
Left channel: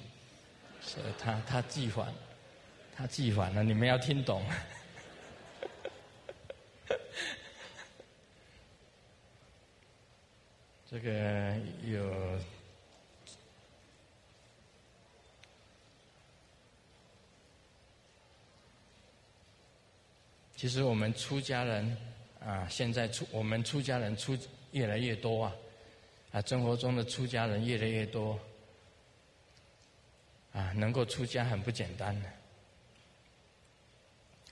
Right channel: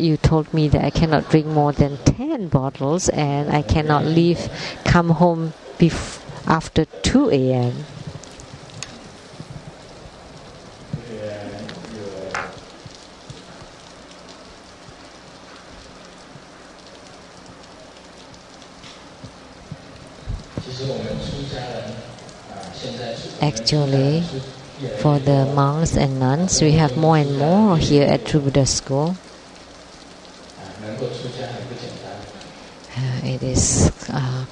you told me that I cannot drink more than 10 bottles and I cannot come home after 2 a.m. Actually, for the monks and nuns, we have more and more here at True Buddha School. It is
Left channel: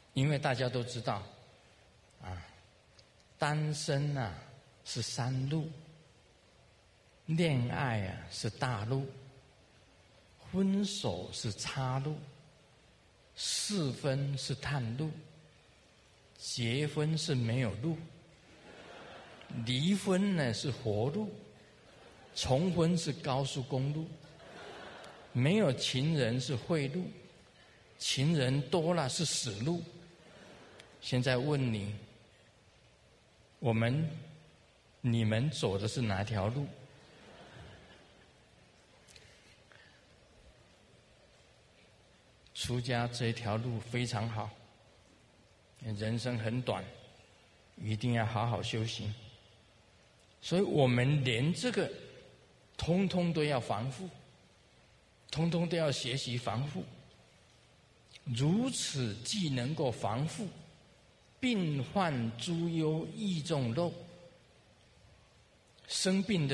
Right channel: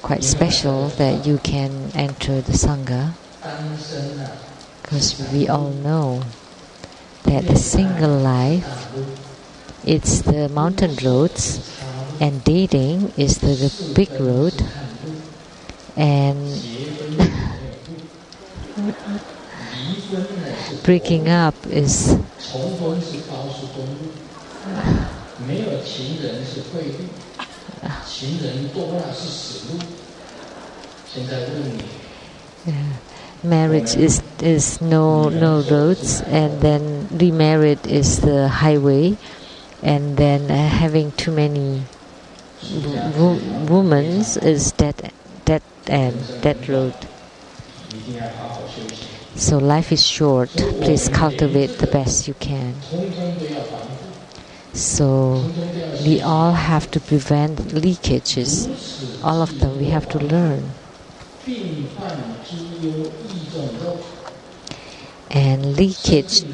quite special that you can enter the Sangha, because we all know that the single life, it's the mountain roads, and dating is the big road, and breaking up is marriage is no roads, and then remarried is the highway, and then having too many women is dead end, dead road. So life is short. Please cultivate the best you can. So we all have to prevent leakages. All of them we have to learn. And leakage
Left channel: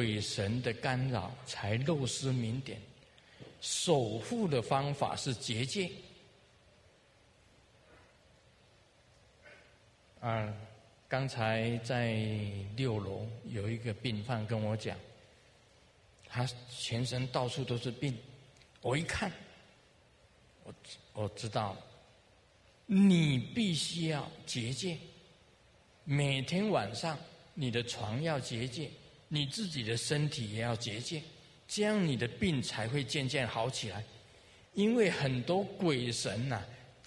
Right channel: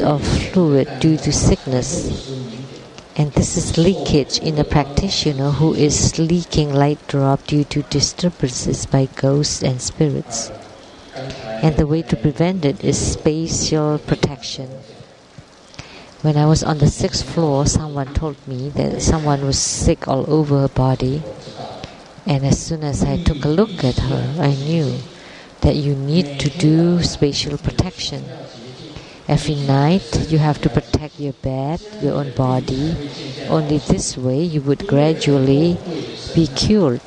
of fluid due to sickness. And this is leakage in a practitioner who is leaking light drop due to disturbances by ghosts and spirits. And the way to prevent it is spatial protection. When I was on the 6th floor, someone told me that someone was sick all over her body. And as soon as I took a look at her, I knew that you need to do spatial protection. Every night you have to protect your bed, your own body. Only this way you would gradually be cured,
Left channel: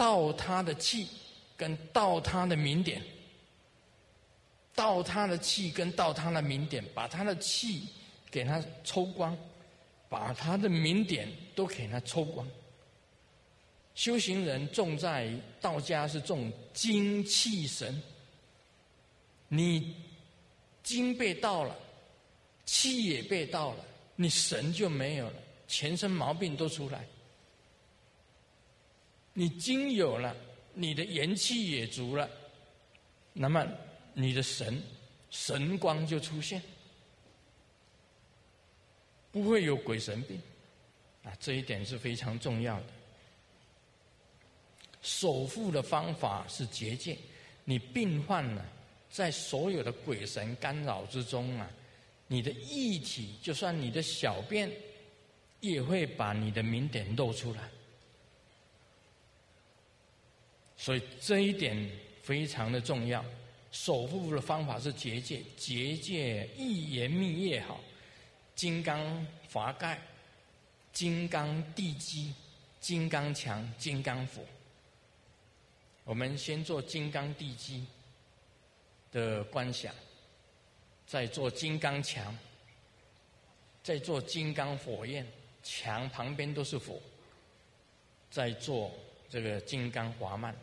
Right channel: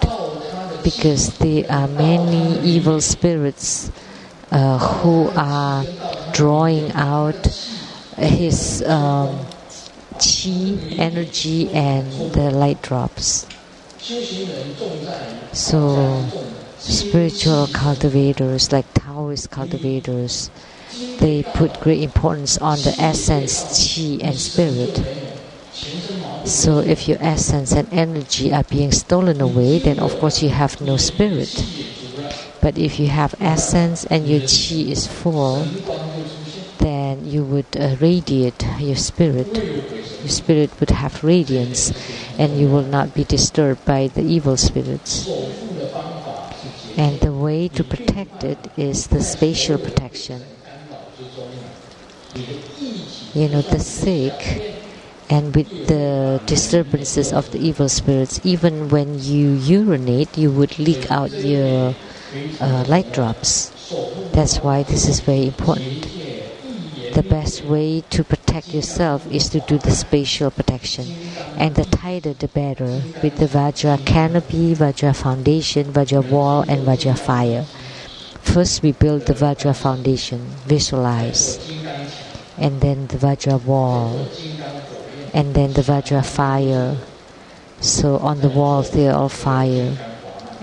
because there are many evil spirits who are drawing out his chi, energy, and the light drops. So spiritual cultivators, like Taoist cultivators, they put great importance on the essence, chi, and spirit. So if your essence and energy are being stolen away, then of course you have no spirit. But if you have essence and your chi is full, then you would radiate your spirit. Your spirit would have radiance, and you will not be disturbed by the evil spirits. And the way to protect it is the spatial protection. The sick, and with the disturbances of the evil spirits, even when you urinate, you would leak out your light drops. That's why this is very important. The best way to protect yourself is to do the spatial protection. And the tighter the better, with the Vajra canopy, Vajra foundation, Vajra wall, and Vajra fire. First we build the Vajra foundation, visualize. And then the Vajra wall. And then the Vajra fire. So on the walls they are all fire.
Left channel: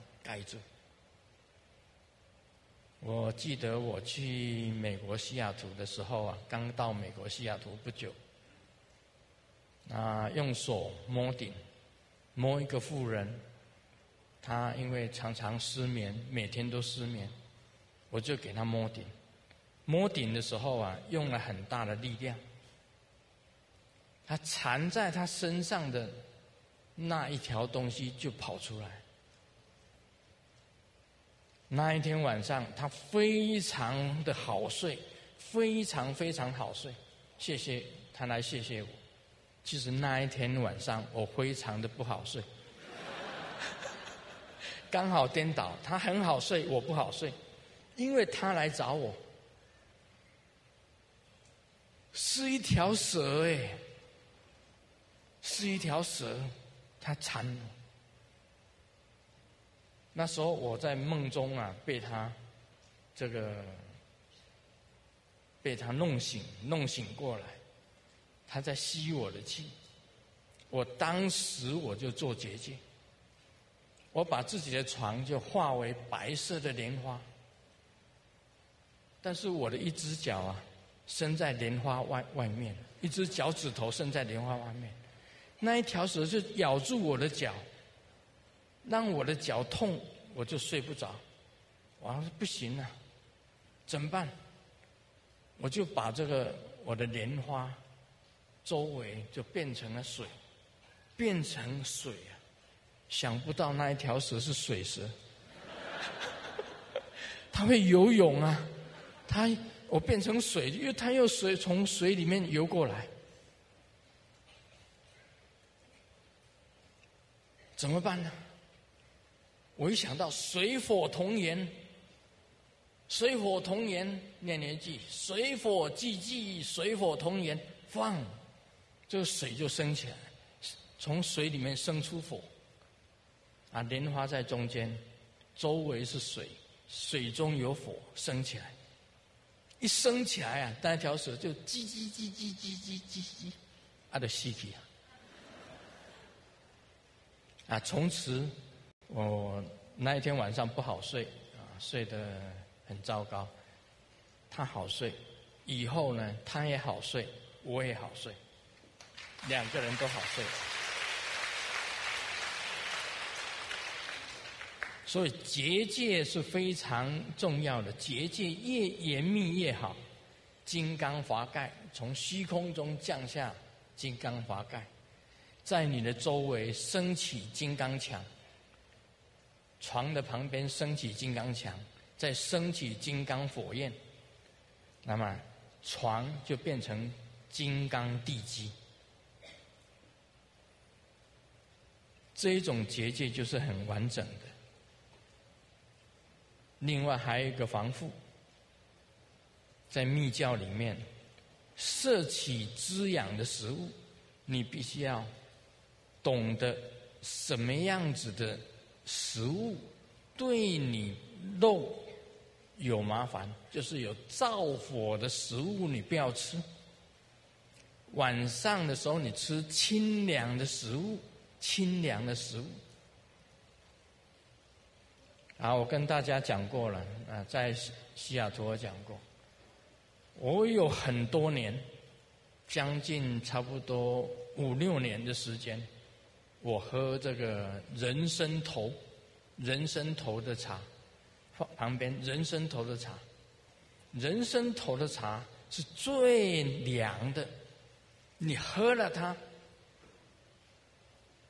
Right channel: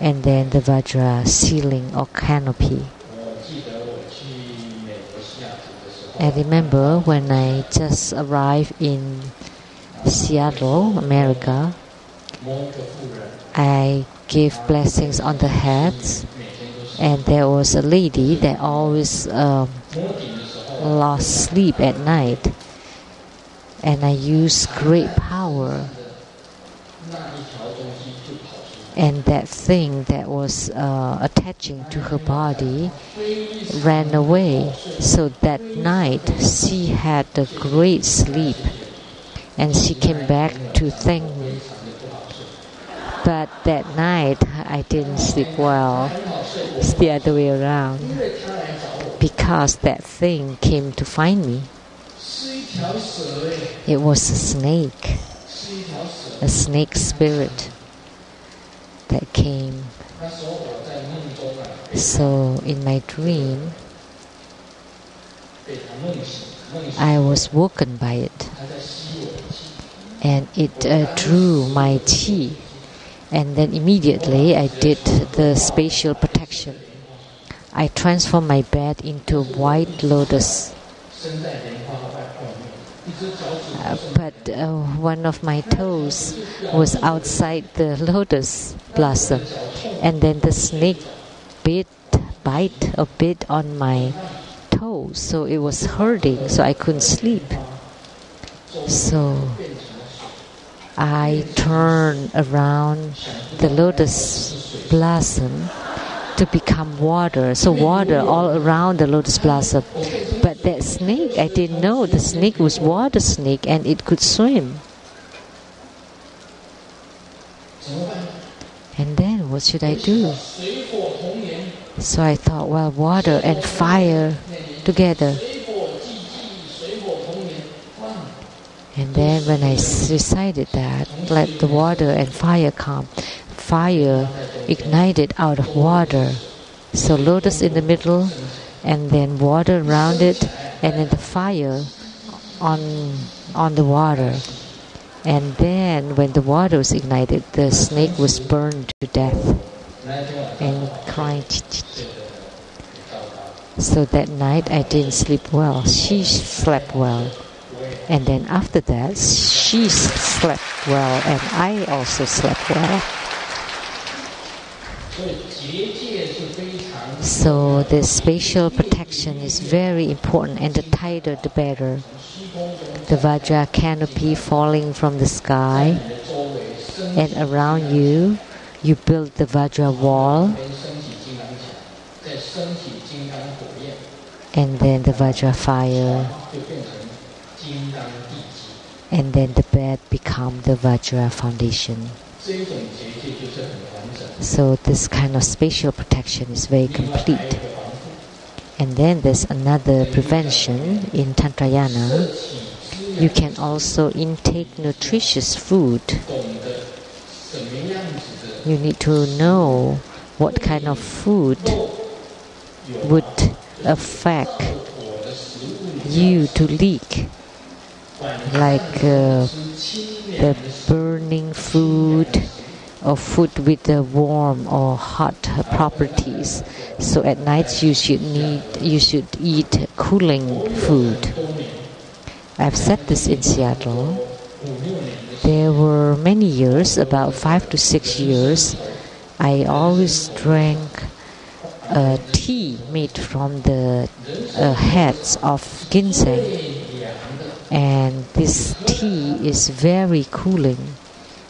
And then the Vajra ceiling or canopy. I remember when I just arrived in Seattle, America, I gave blessings on the heads, and there was a lady that always lost sleep at night, and I used great power, and that thing that was attaching to her body ran away. So that night she had a great sleep, and she came back to thank me. But that night I didn't sleep well. It's the other way around, because that thing came to find me. It was a snake spirit that came. So in my dream, I was woken by it, and it drew my chi, and then immediately I did the spatial protection. I transformed my bed into white lotus. But one of my toes was outside the lotus blossom, and then the snake bit on my toe, so it was hurting, so I couldn't sleep. So I turned around the lotus blossom to become water, so water all around the lotus blossom. But that snake, I didn't know the snake was water snake and it could swim. And then what should I do? So I thought, well, water and fire together. And then when I recited that, let the water and fire come. Fire ignited out of water. So lotus in the middle, and then water around it, and then the fire on the water. And then when the water was ignited, the snake was burned to death and crying. So that night I didn't sleep well. She slept well. And then after that, she slept well, and I also slept well. So the spatial protection is very important, and the tighter the better. The Vajra canopy falling from the sky, and around you, you build the Vajra wall. and then the Vajra fire, 就变成金刚地基。 and then the bed become the Vajra foundation. 这一种结界就是很完整。 So this kind of spatial protection is very 另外还有 complete. 一个防护， And then there's another prevention in 摄 Tantrayana. 取滋 You 养 can also intake nutritious food. 懂得什么样子的 You need to know what kind of food 肉有 would 造 affect 火的食物里面 you to leak, 晚上 like 吃清凉 the 的食物 burning food or food with the warm or hot properties. So at night you should eat cooling food. 多年 I've said this in Seattle. 5、6年的时 There were many years, about 5 to 6 years, I always drank tea made from the heads of ginseng. 最凉的 And this tea is very cooling.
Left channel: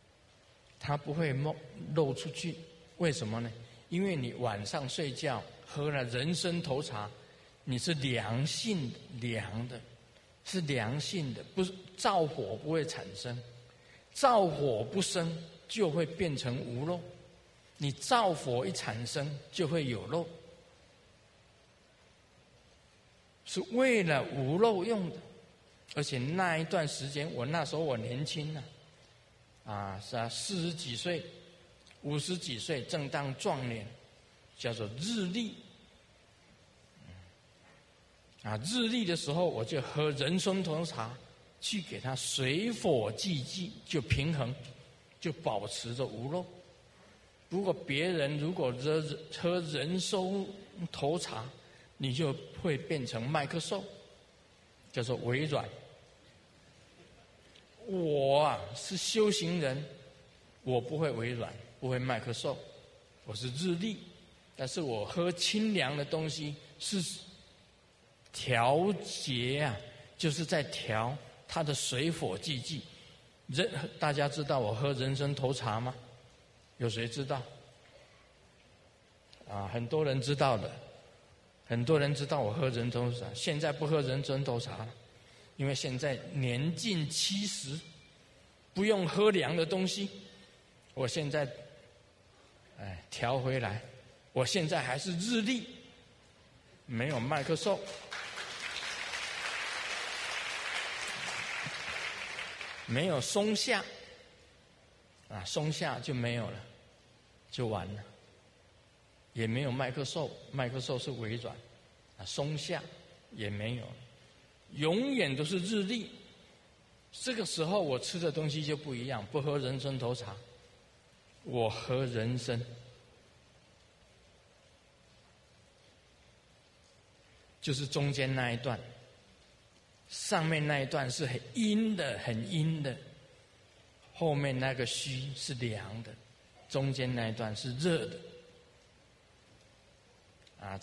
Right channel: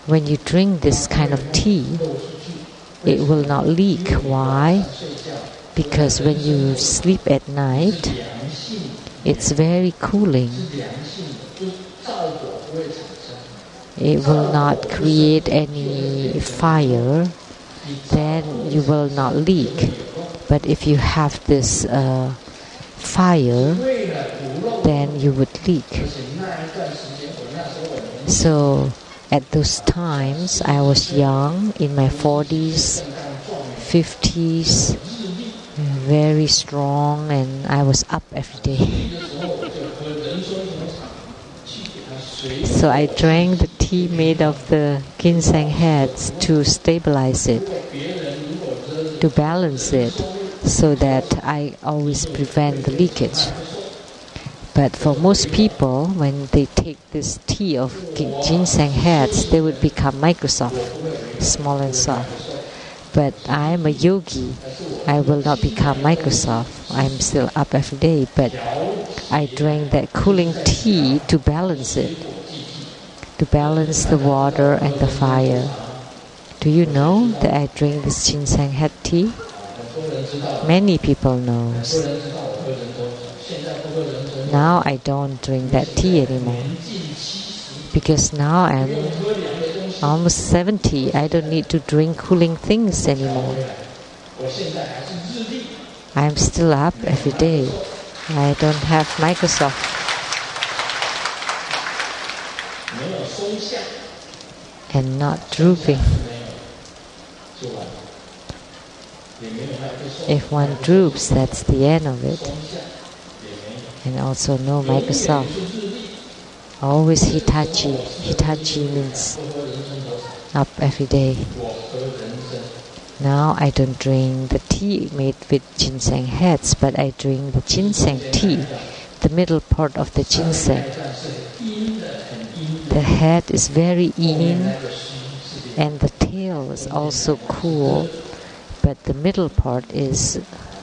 When you drink this kind of tea, 漏出去， it will not leak. Why? 睡觉 Because when you sleep at 是 night, 凉性， it's very cooling. 是凉性的，就是灶火不会产生。 It will not create any fire, 你灶 then 火会 you 产 will 生 not 就会 leak. 有漏 But if you have this fire, 为了不漏， then you would 而 leak. 且那一段时间，那时候我年轻， So at those times, I was young, in my 40s, 正当壮年， 50s, 日历， very strong, and I was up every 日 day. 历的时候我就喝人参红茶，去给它随 So I drank the tea made of the ginseng heads to stabilize it, 别人如果喝 to balance it, so that I always prevent the leakage. But for most people, when they take this tea of ginseng heads, they would become Microsoft, small and soft. But I am a yogi. I will not become Microsoft. I'm still up every day, but I drank that cooling tea to balance it, to balance the water and the fire. Do you know that I drink this ginseng head tea? 很多人知道， Many people know. 很多人知道我喝人参，现在不喝人参。 Now I don't drink that tea anymore 年近70， because now 不 I'm 用喝凉的东西。 almost 70. I don't need to drink cooling things 调 anymore. 回来，我现在还是日历， I'm still up every day. I don't have Microsoft. 没有松下， And not 松下 drooping. 没有就完了，也没有麦克风。 If one droops, that's the end of it. 松下也没有。 And also no 永远 Microsoft. 是日历， Always Hitachi. Hitachi means 不喝人参头茶， up every day. 我喝人参。 Now I don't drink the tea made with ginseng heads, but I drink the ginseng tea, the middle part of the 上面那 ginseng. 一段是阴的，很阴的， The head is very 后面 in 那个虚是凉。 and the tail is also cool, but the middle part is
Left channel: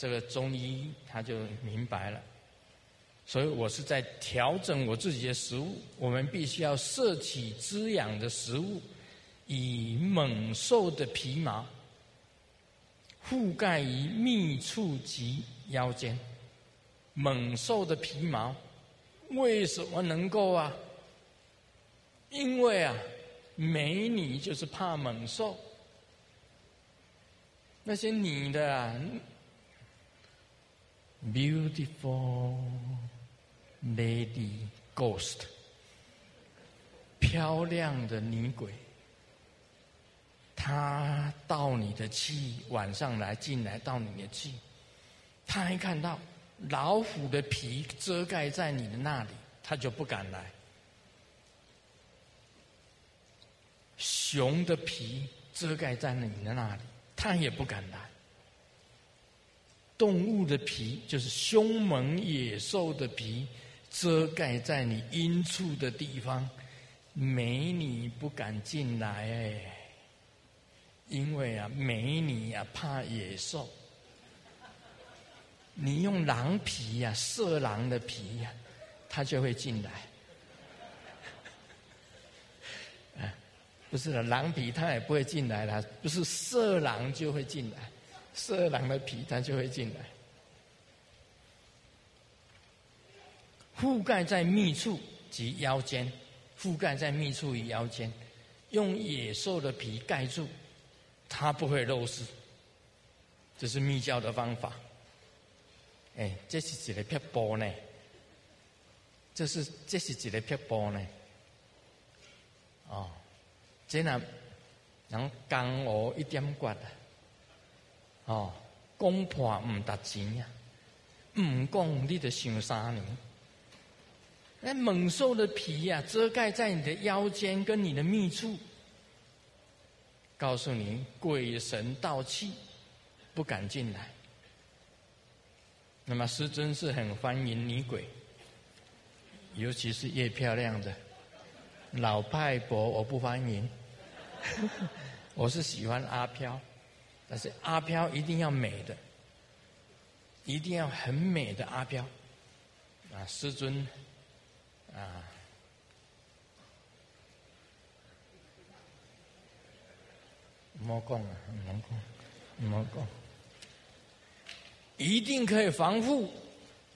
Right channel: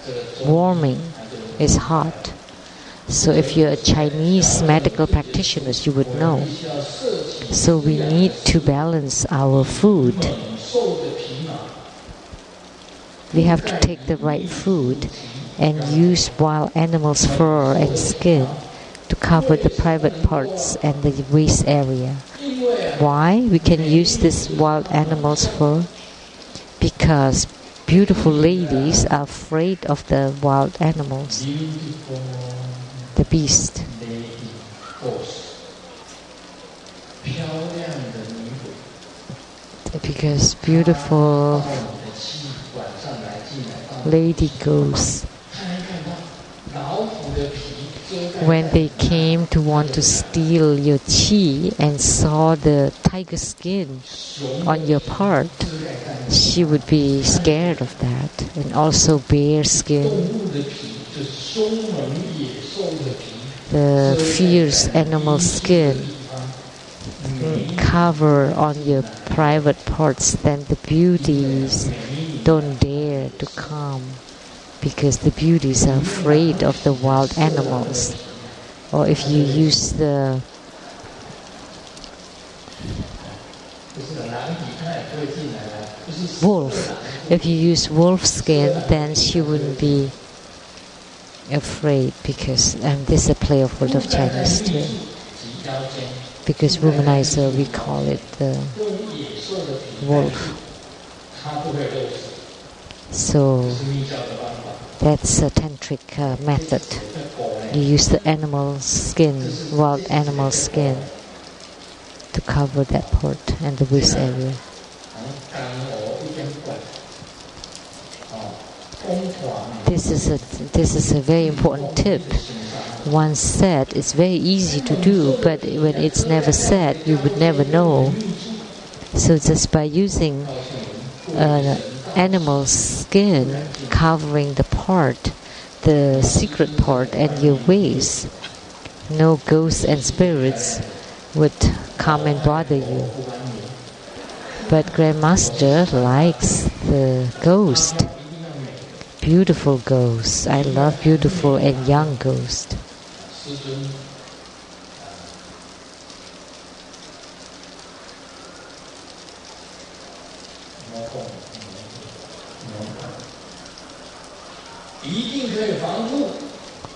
这个中医 warming, 它就 is hot. So if you're a Chinese medical practitioner, you would know. 必须要摄取 So we need to balance our food. 猛兽的皮毛， We have to take the right food and use wild animals' fur and skin to cover the private parts and the waist area. 因为啊， Why we can use this wild animals' fur? Because beautiful ladies are afraid of the wild animals, beautiful the beast. lady ghost， 漂亮的女鬼， Because beautiful 到你的气晚上来进来到你， lady ghosts, 他还看到老虎的皮遮盖 when 在 they 你那 came to want to steal your qi and saw the tiger skin 熊 on your part, 遮盖在你 she would be scared of that. And also bear 动 skin, 物的皮就是凶猛野兽的皮， the fierce animal skin cover on your private parts, then the beauties don't dare to come because the beauties are afraid of the wild animals. Or if you use the 不是的，狼蚁它也不会进来了，不是 wolf, 色狼， if you use wolf skin, then she wouldn't be afraid because this is a play of word of Chinese too. Because womanizer, we call it the wolf. So that's a tantric method. You use the animal skin, wild animal skin, to cover that part and the waist area. This is a very important tip. Once said, it's very easy to do, but when it's never said, you would never know. So just by using animal skin covering the part, the secret part, and your waist, no ghosts and spirits would come and bother you. But Grandmaster likes the ghost. Beautiful ghosts. I love beautiful and young ghosts.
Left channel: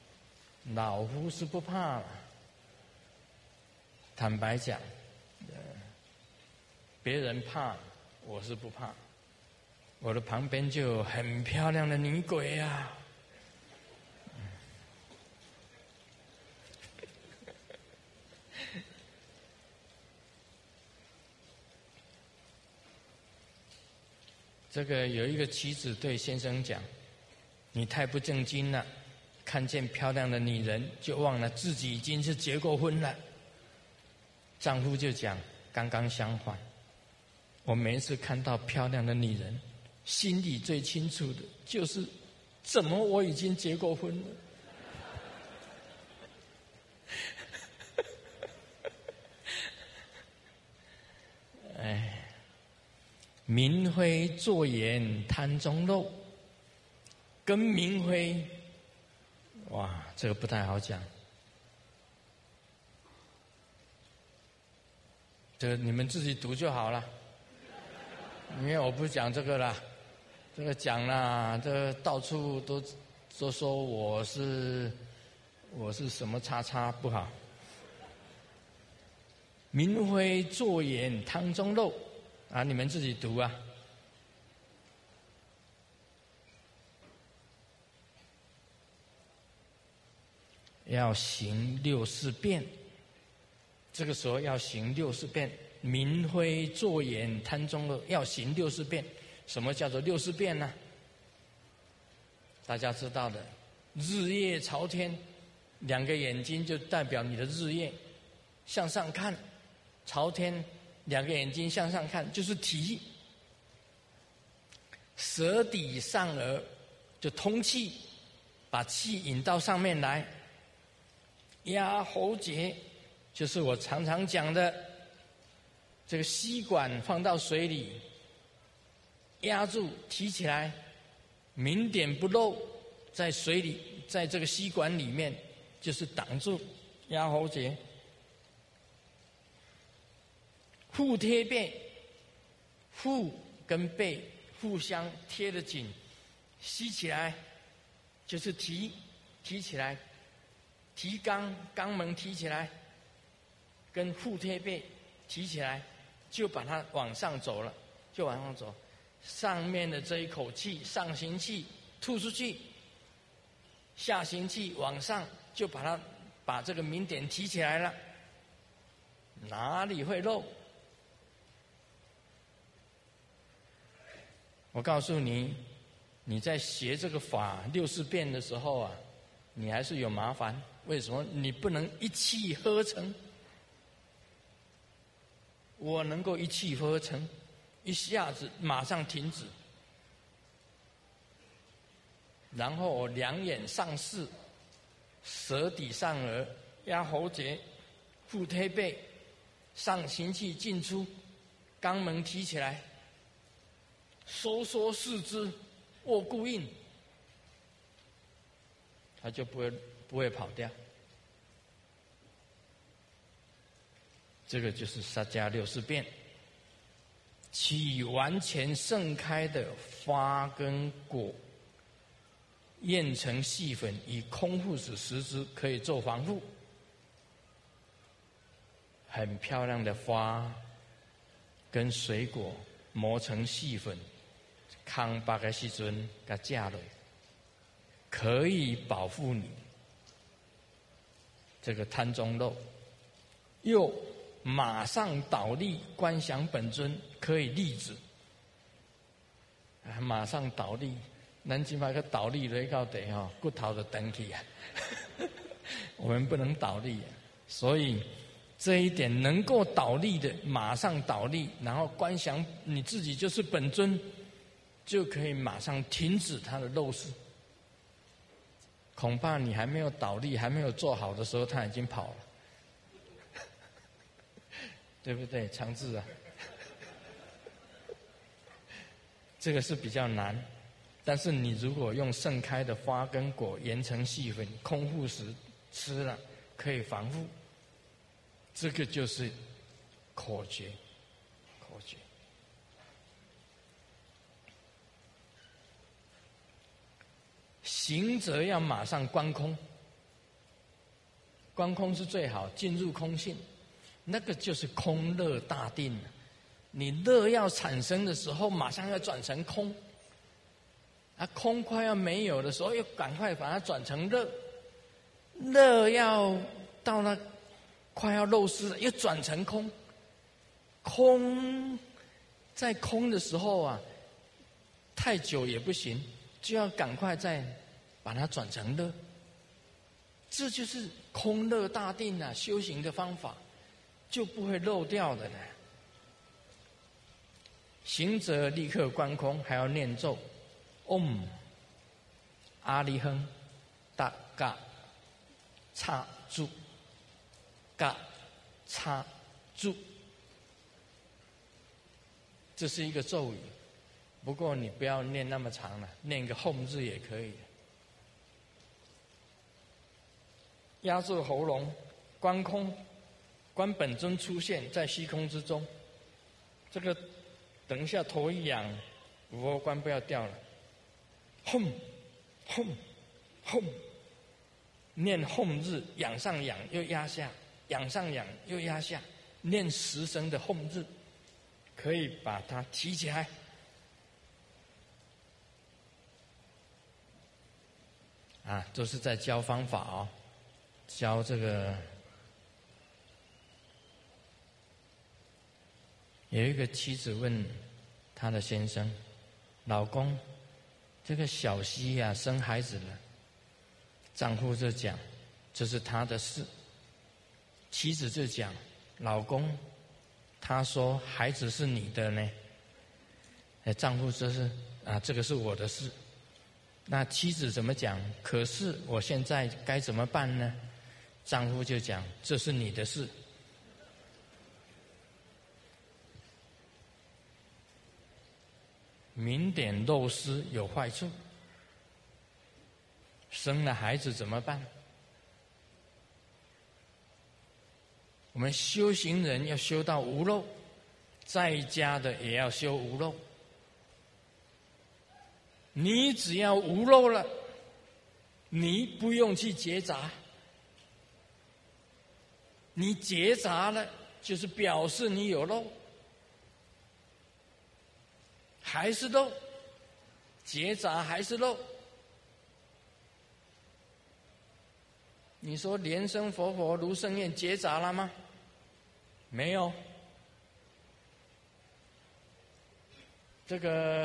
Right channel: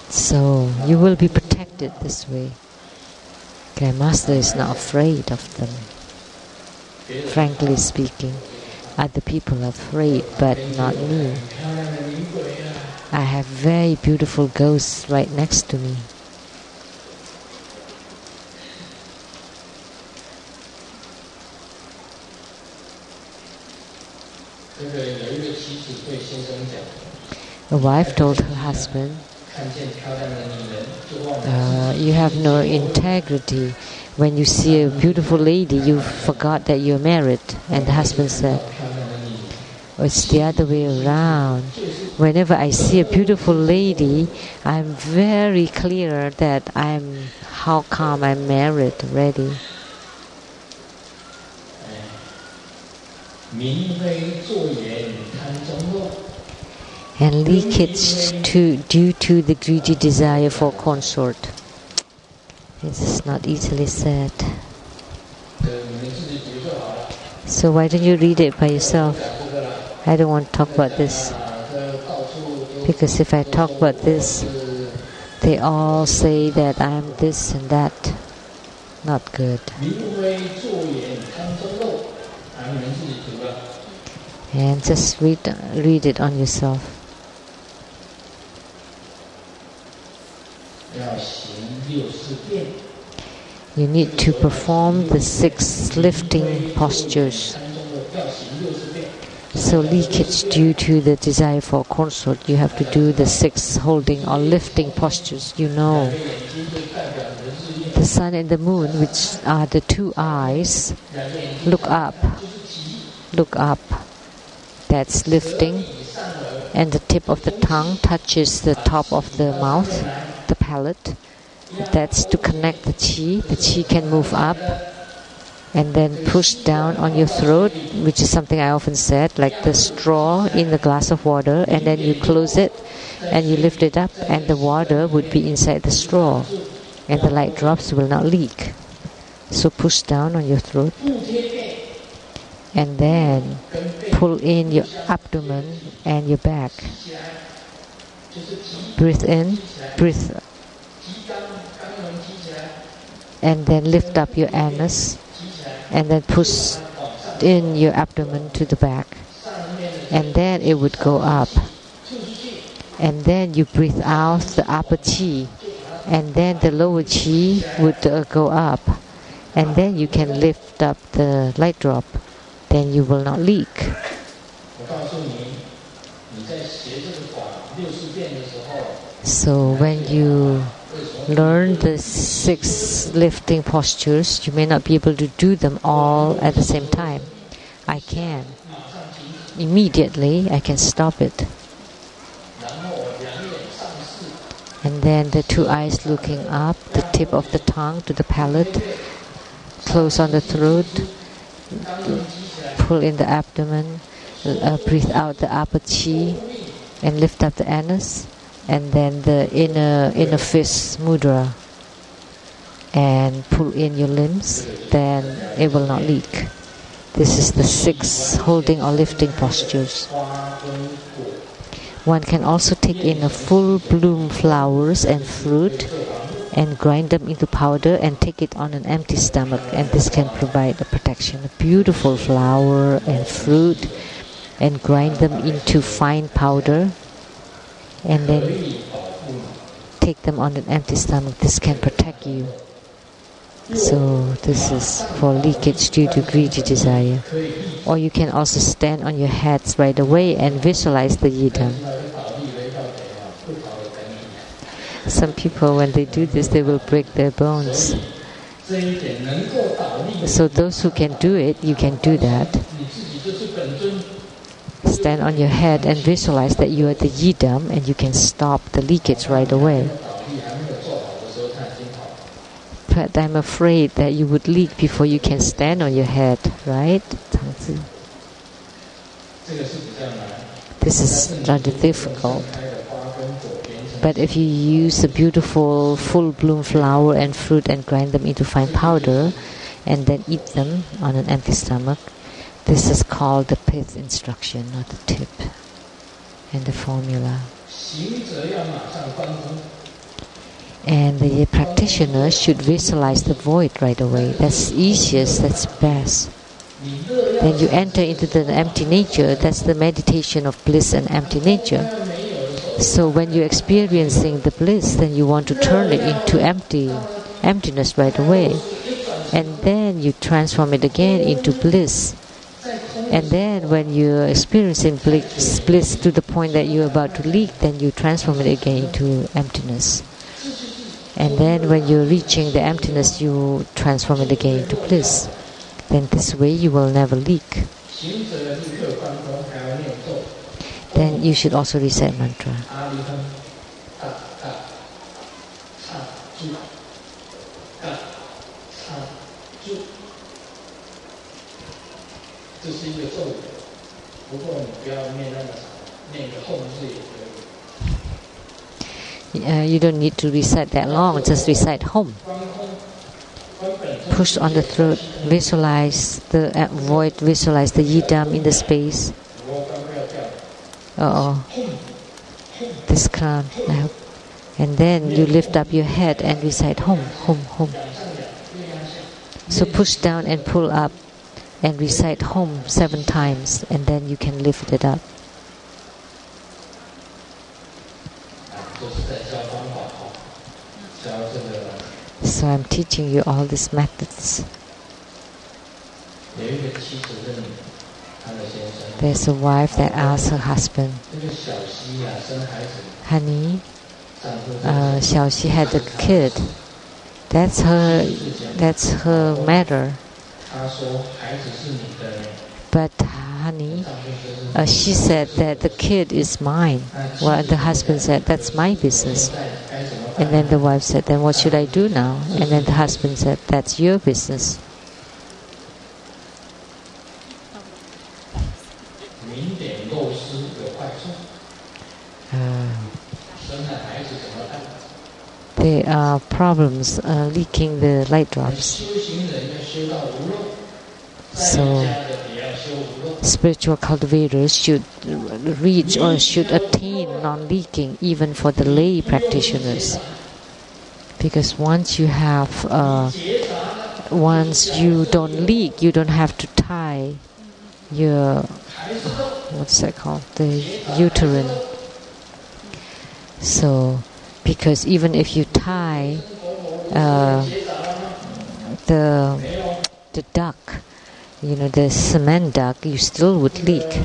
So you will be protected this way. Grandmaster is not afraid of them. Frankly speaking, other people are afraid, but not me. I have very beautiful ghosts right next to me. A wife told her husband, you have no integrity. When you see a beautiful lady, you forgot that you're married. And the husband said, it's the other way around. Whenever I see a beautiful lady, I'm very clear that how come I'm married already. And leakage due to the greedy desire for consort. This is not easily said. So why don't you read it by yourself? I don't want to talk about this. Because if I talk about this, they all say that I'm this and that. Not good. And just read it on yourself. You need to perform the 6 lifting postures. So leakage due to the desire for consort, you have to do the 6 holding or lifting postures. You know, the sun and the moon, which are the 2 eyes, look up. Look up. That's lifting. And the tip of the tongue touches the top of the mouth, the palate. That's to connect the chi. The chi can move up and then push down on your throat, which is something I often said, like the straw in the glass of water, and then you close it and you lift it up, and the water would be inside the straw, and the light drops will not leak. So push down on your throat, and then pull in your abdomen and your back. Breathe in, breathe, and then lift up your anus, and then push in your abdomen to the back, and then it would go up, and then you breathe out the upper chi, and then the lower chi would go up, and then you can lift up the light drop, then you will not leak. So when you learn the 6 lifting postures, you may not be able to do them all at the same time. I can. Immediately, I can stop it. And then the 2 eyes looking up, the tip of the tongue to the palate, close on the throat, pull in the abdomen, breathe out the upper chi, and lift up the anus. And then the inner fist mudra, and pull in your limbs, then it will not leak. This is the 6 holding or lifting postures. One can also take in a full bloom flowers and fruit and grind them into powder and take it on an empty stomach, and this can provide a protection. A beautiful flower and fruit and grind them into fine powder and then take them on an empty stomach. This can protect you. So this is for leakage due to greedy desire. Or you can also stand on your heads right away and visualize the yidam. Some people, when they do this, they will break their bones. So those who can do it, you can do that. Stand on your head and visualize that you are the yidam and you can stop the leakage right away. But I'm afraid that you would leak before you can stand on your head, right? This is rather difficult. But if you use a beautiful full bloom flower and fruit and grind them into fine powder and then eat them on an empty stomach, this is called the pith instruction, or the tip and the formula. And the practitioner should visualize the void right away. That's easiest, that's best. Then you enter into the empty nature. That's the meditation of bliss and empty nature. So when you're experiencing the bliss, then you want to turn it into emptiness right away. And then you transform it again into bliss. And then when you're experiencing bliss to the point that you're about to leak, then you transform it again into emptiness. And then when you're reaching the emptiness, you transform it again into bliss. Then this way you will never leak. Then you should also recite mantra. You don't need to recite that long, just recite home. Push on the throat, visualize the void, visualize the yidam in the space. This crown. And then you lift up your head and recite home, home, home. So push down and pull up and recite home 7 times, and then you can lift it up. So I'm teaching you all these methods. There's a wife that asks her husband, honey, Xiaoxi had a kid. That's her matter. But honey, she said that the kid is mine. Well, the husband said, that's my business. And then the wife said, then what should I do now? And then the husband said, that's your business. There are problems leaking the light drops. So spiritual cultivators should reach or should attain non-leaking even for the lay practitioners. Because once you don't leak, you don't have to tie your, what's that called, the uterine. So, because even if you tie the duck, the cement duck, you still would leak.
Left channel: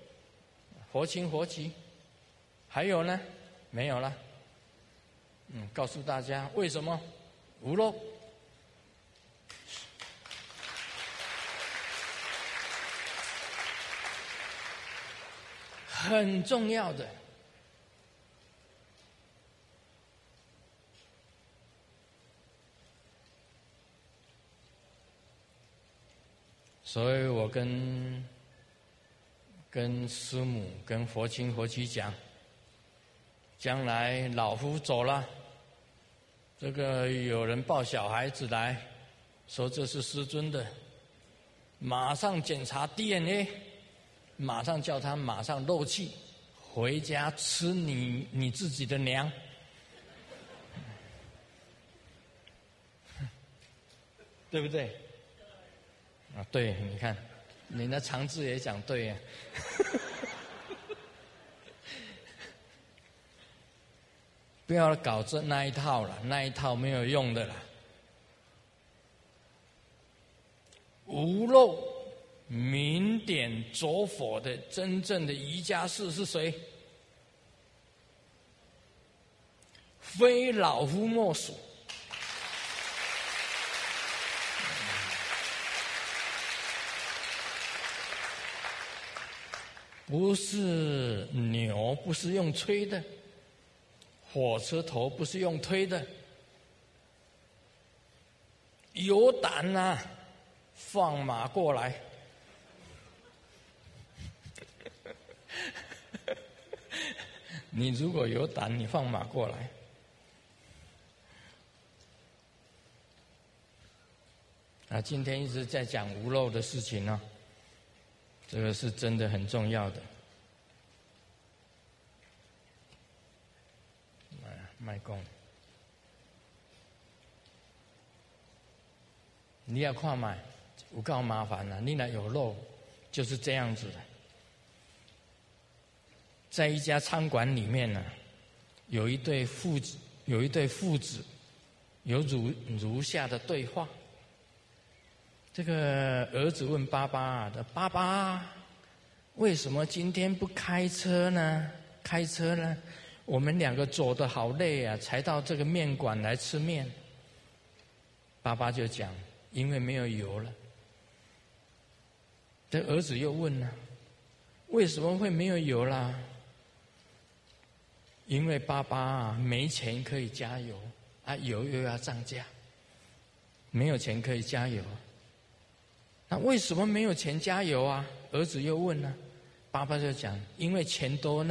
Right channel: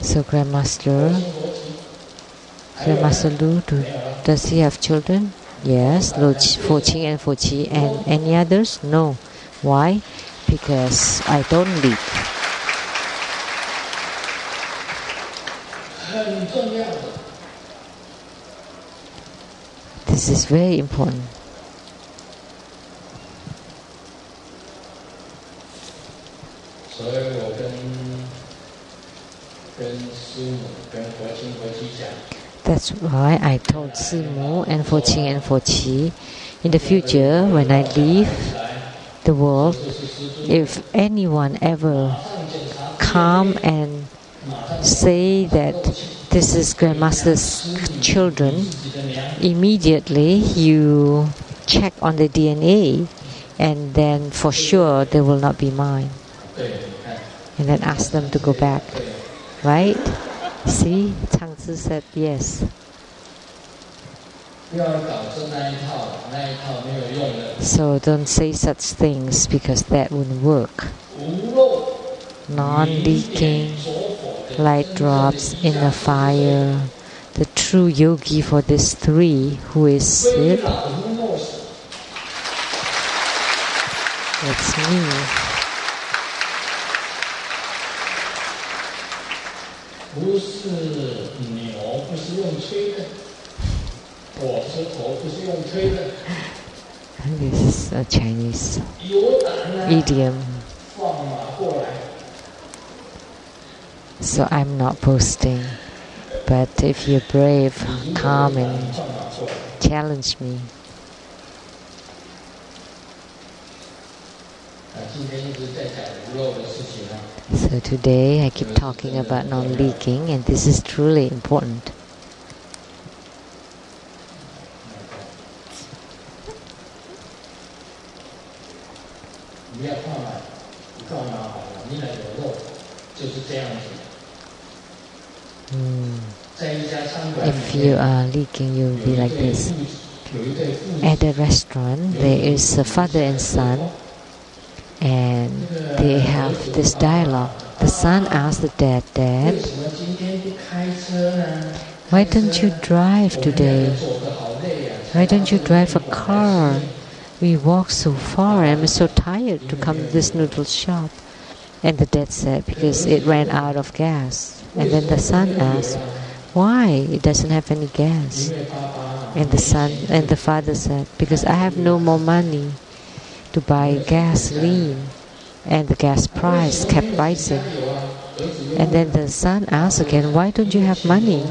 So Grandmaster Lu, does he have children? Yes, Foqi and Foqi. And any others? No. Why? Because I don't leak. This is very important. That's why I told Simu and Foqi, in the future, when I leave the world, if anyone ever calm and say that this is Grandmaster's children, immediately you check on the DNA, and then for sure they will not be mine. And then ask them to go back. Right? See? Changzi said yes. So don't say such things because that wouldn't work. Non-leaking, light drops in the fire. The true yogi for these three, who is it? It's me. This is a Chinese idiom. So I'm not boasting, but if you're brave, calm and challenge me. So today I keep talking about non-leaking, and this is truly important. If you are leaking, you'll be like this. At a restaurant, there is a father and son, and they have this dialogue. The son asks the dad, "Dad, why don't you drive today? Why don't you drive a car? We walked so far and I'm so tired to come to this noodle shop." And the dad said, "Because it ran out of gas." And then the son asked, "Why? It doesn't have any gas." And the father said, "Because I have no more money to buy gasoline, and the gas price kept rising." And then the son asked again, "Why don't you have money?"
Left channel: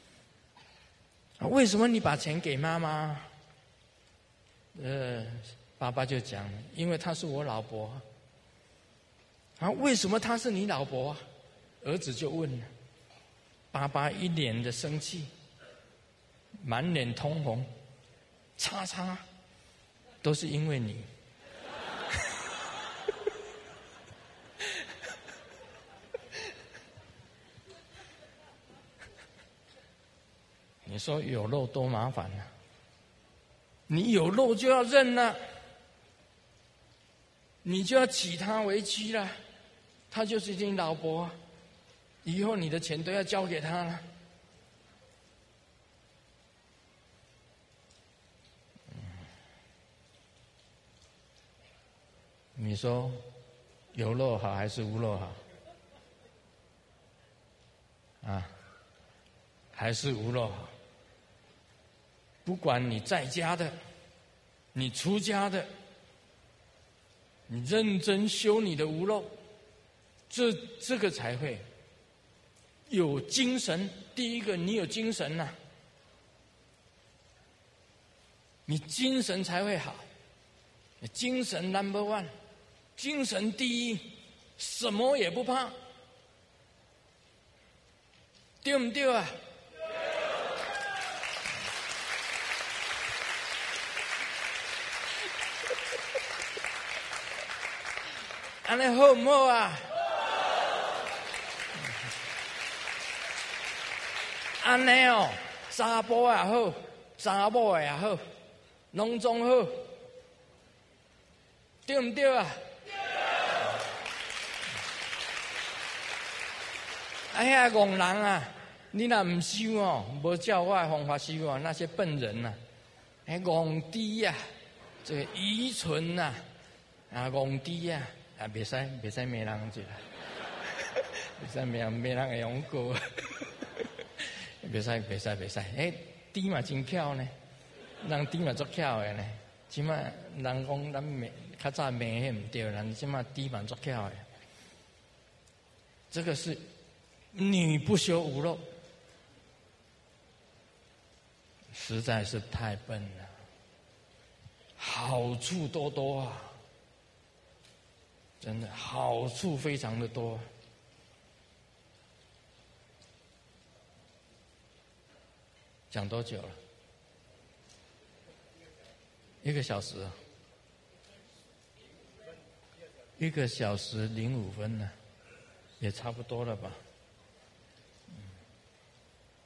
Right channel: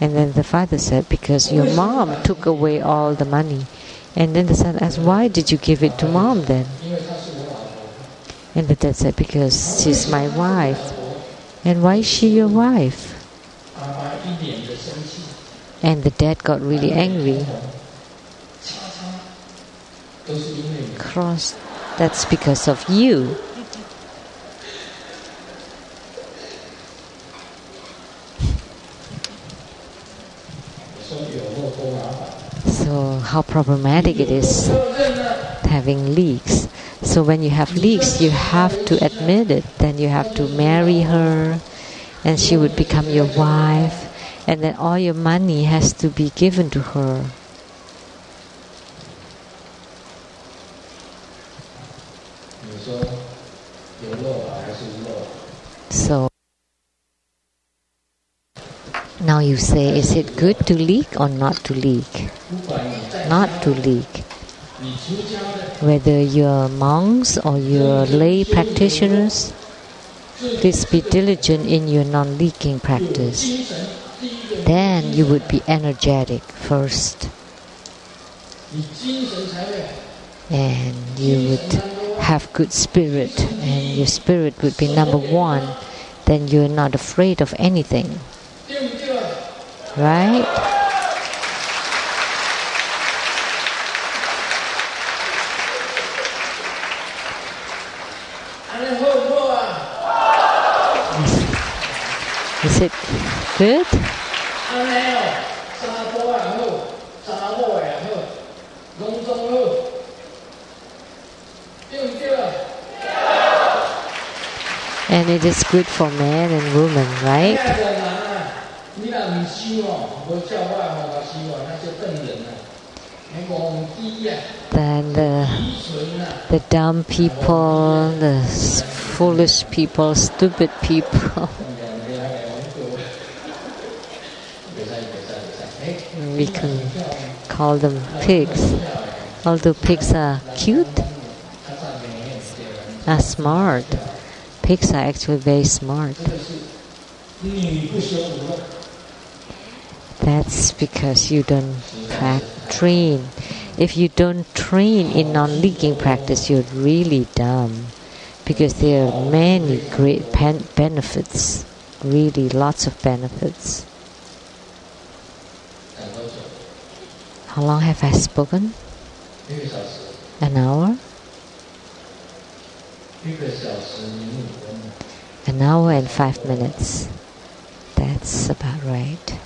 And then the father said, "Because your mom took away all the money." And then the son asked, "Why did you give it to mom then?" And the dad said, "Because she's my wife." "And why is she your wife?" And the dad got really angry. "Cross, that's because of you." So how problematic it is having leaks. So when you have leaks, you have to admit it. Then you have to marry her, and she would become your wife, and then all your money has to be given to her. So now you say, is it good to leak or not to leak? Not to leak. Whether you're monks or you're lay practitioners, please be diligent in your non-leaking practice. Then you would be energetic first. And you would have good spirit, and your spirit would be number one. Then you're not afraid of anything. Right? Is it good? And it is good for men and women, right? Then the dumb people, the foolish people, stupid people, we can call them pigs. Although pigs are cute, are smart. Pigs are actually very smart. That's because you don't train. If you don't train in non-leaking practice, you're really dumb. because there are many great benefits, really lots of benefits. How long have I spoken? An hour? An hour and 5 minutes. That's about right.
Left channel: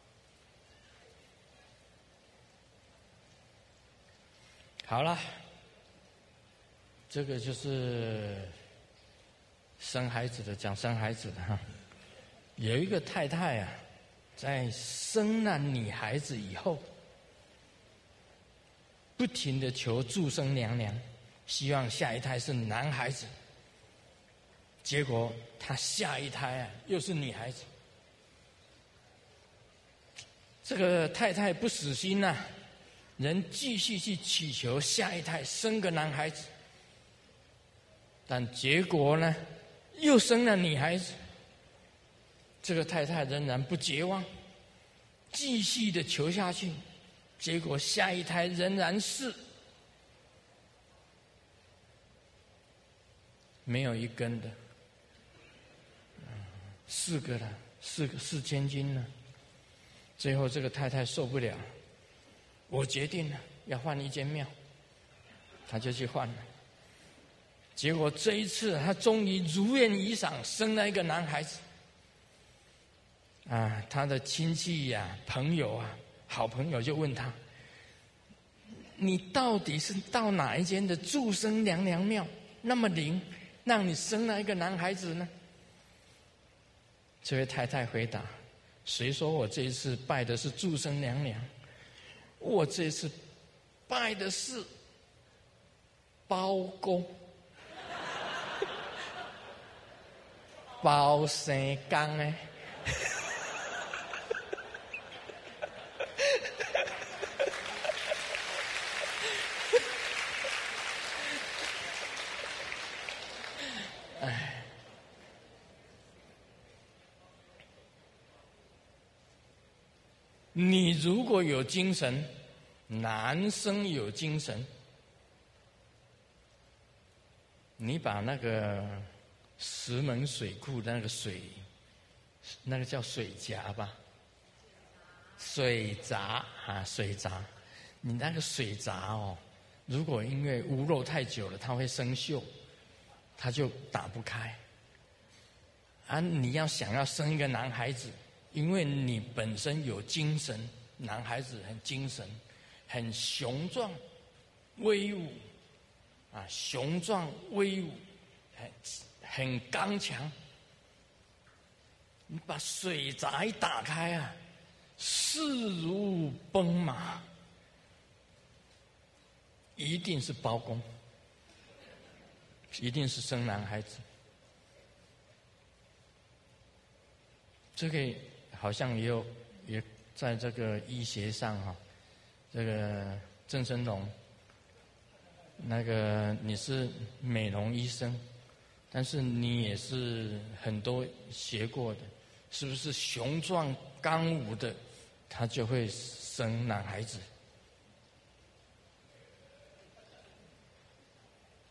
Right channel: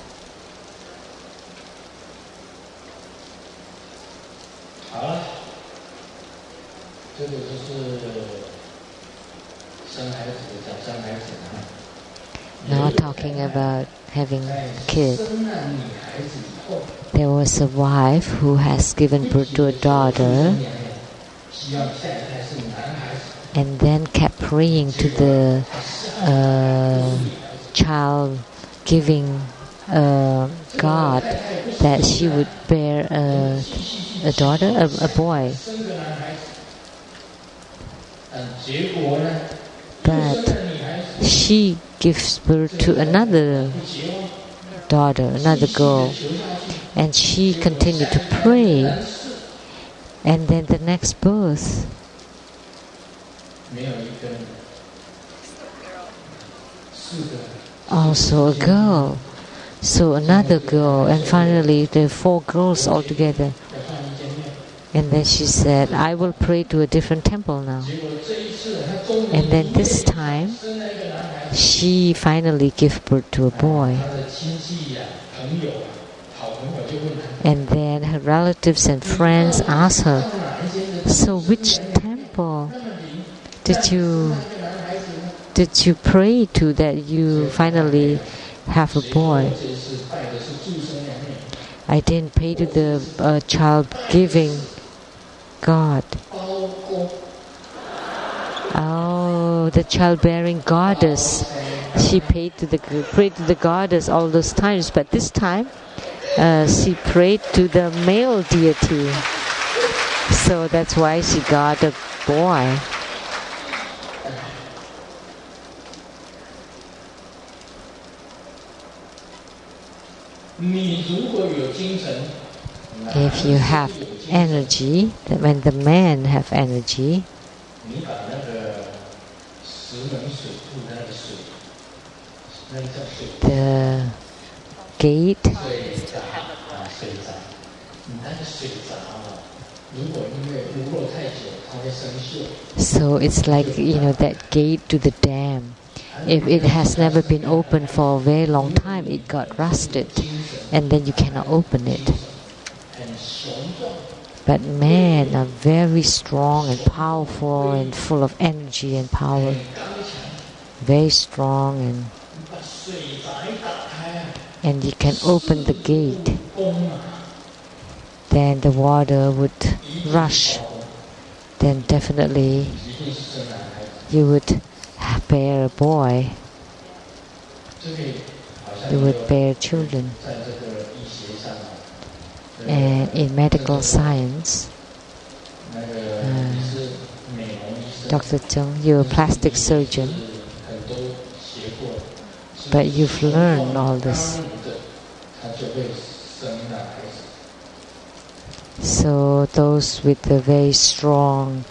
Now talking about having kids. There was a wife who has given birth to a daughter and then kept praying to the child giving God that she would bear a daughter, a boy. But she gives birth to another daughter, another girl, and she continued to pray. And then the next birth, also a girl, so another girl, and finally there are 4 girls altogether. And then she said, I will pray to a different temple now. And then this time, she finally gave birth to a boy. And then her relatives and friends asked her, so which temple did you pray to that you finally have a boy? I didn't pray to the child-giving God. Oh, the childbearing goddess. She prayed to the goddess all those times, but this time she prayed to the male deity. So that's why she got a boy. If you have energy, when the men have energy, the gate, so it's like, that gate to the dam. If it has never been opened for a very long time, it got rusted, and then you cannot open it. But men are very strong and powerful and full of energy and power. Very strong, and you can open the gate. Then the water would rush. Then definitely you would bear a boy. You would bear children. And in medical science, Dr. Chung, you're a plastic surgeon, but you've learned all this. So those with a very strong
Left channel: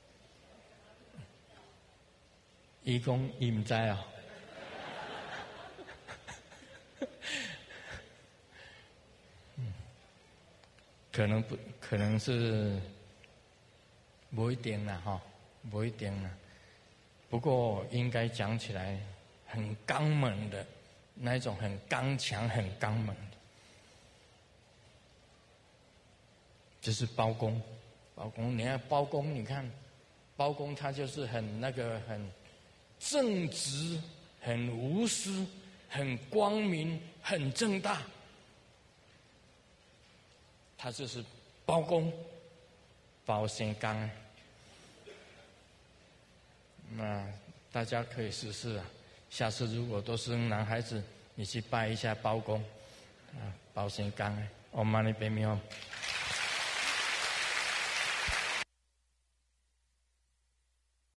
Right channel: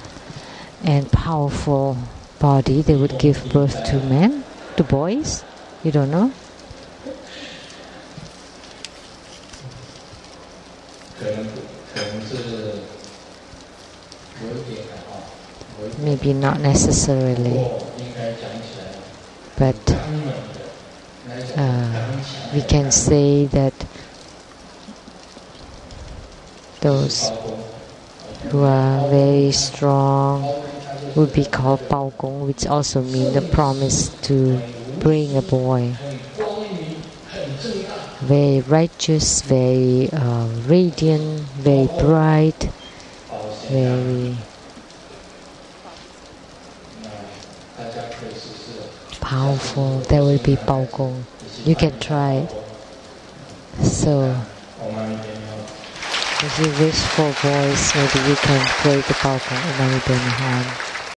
and powerful body, they would give birth to men, to boys? You don't know? Maybe not necessarily, but we can say that those who are very strong would be called Bao Gong, which also means the promise to bring a boy. Very righteous, very radiant, very bright, very powerful. There will be Bao Gong. You can try it. So, if you wish for boys, maybe you can pray the Bao Gong in Mani Benihan.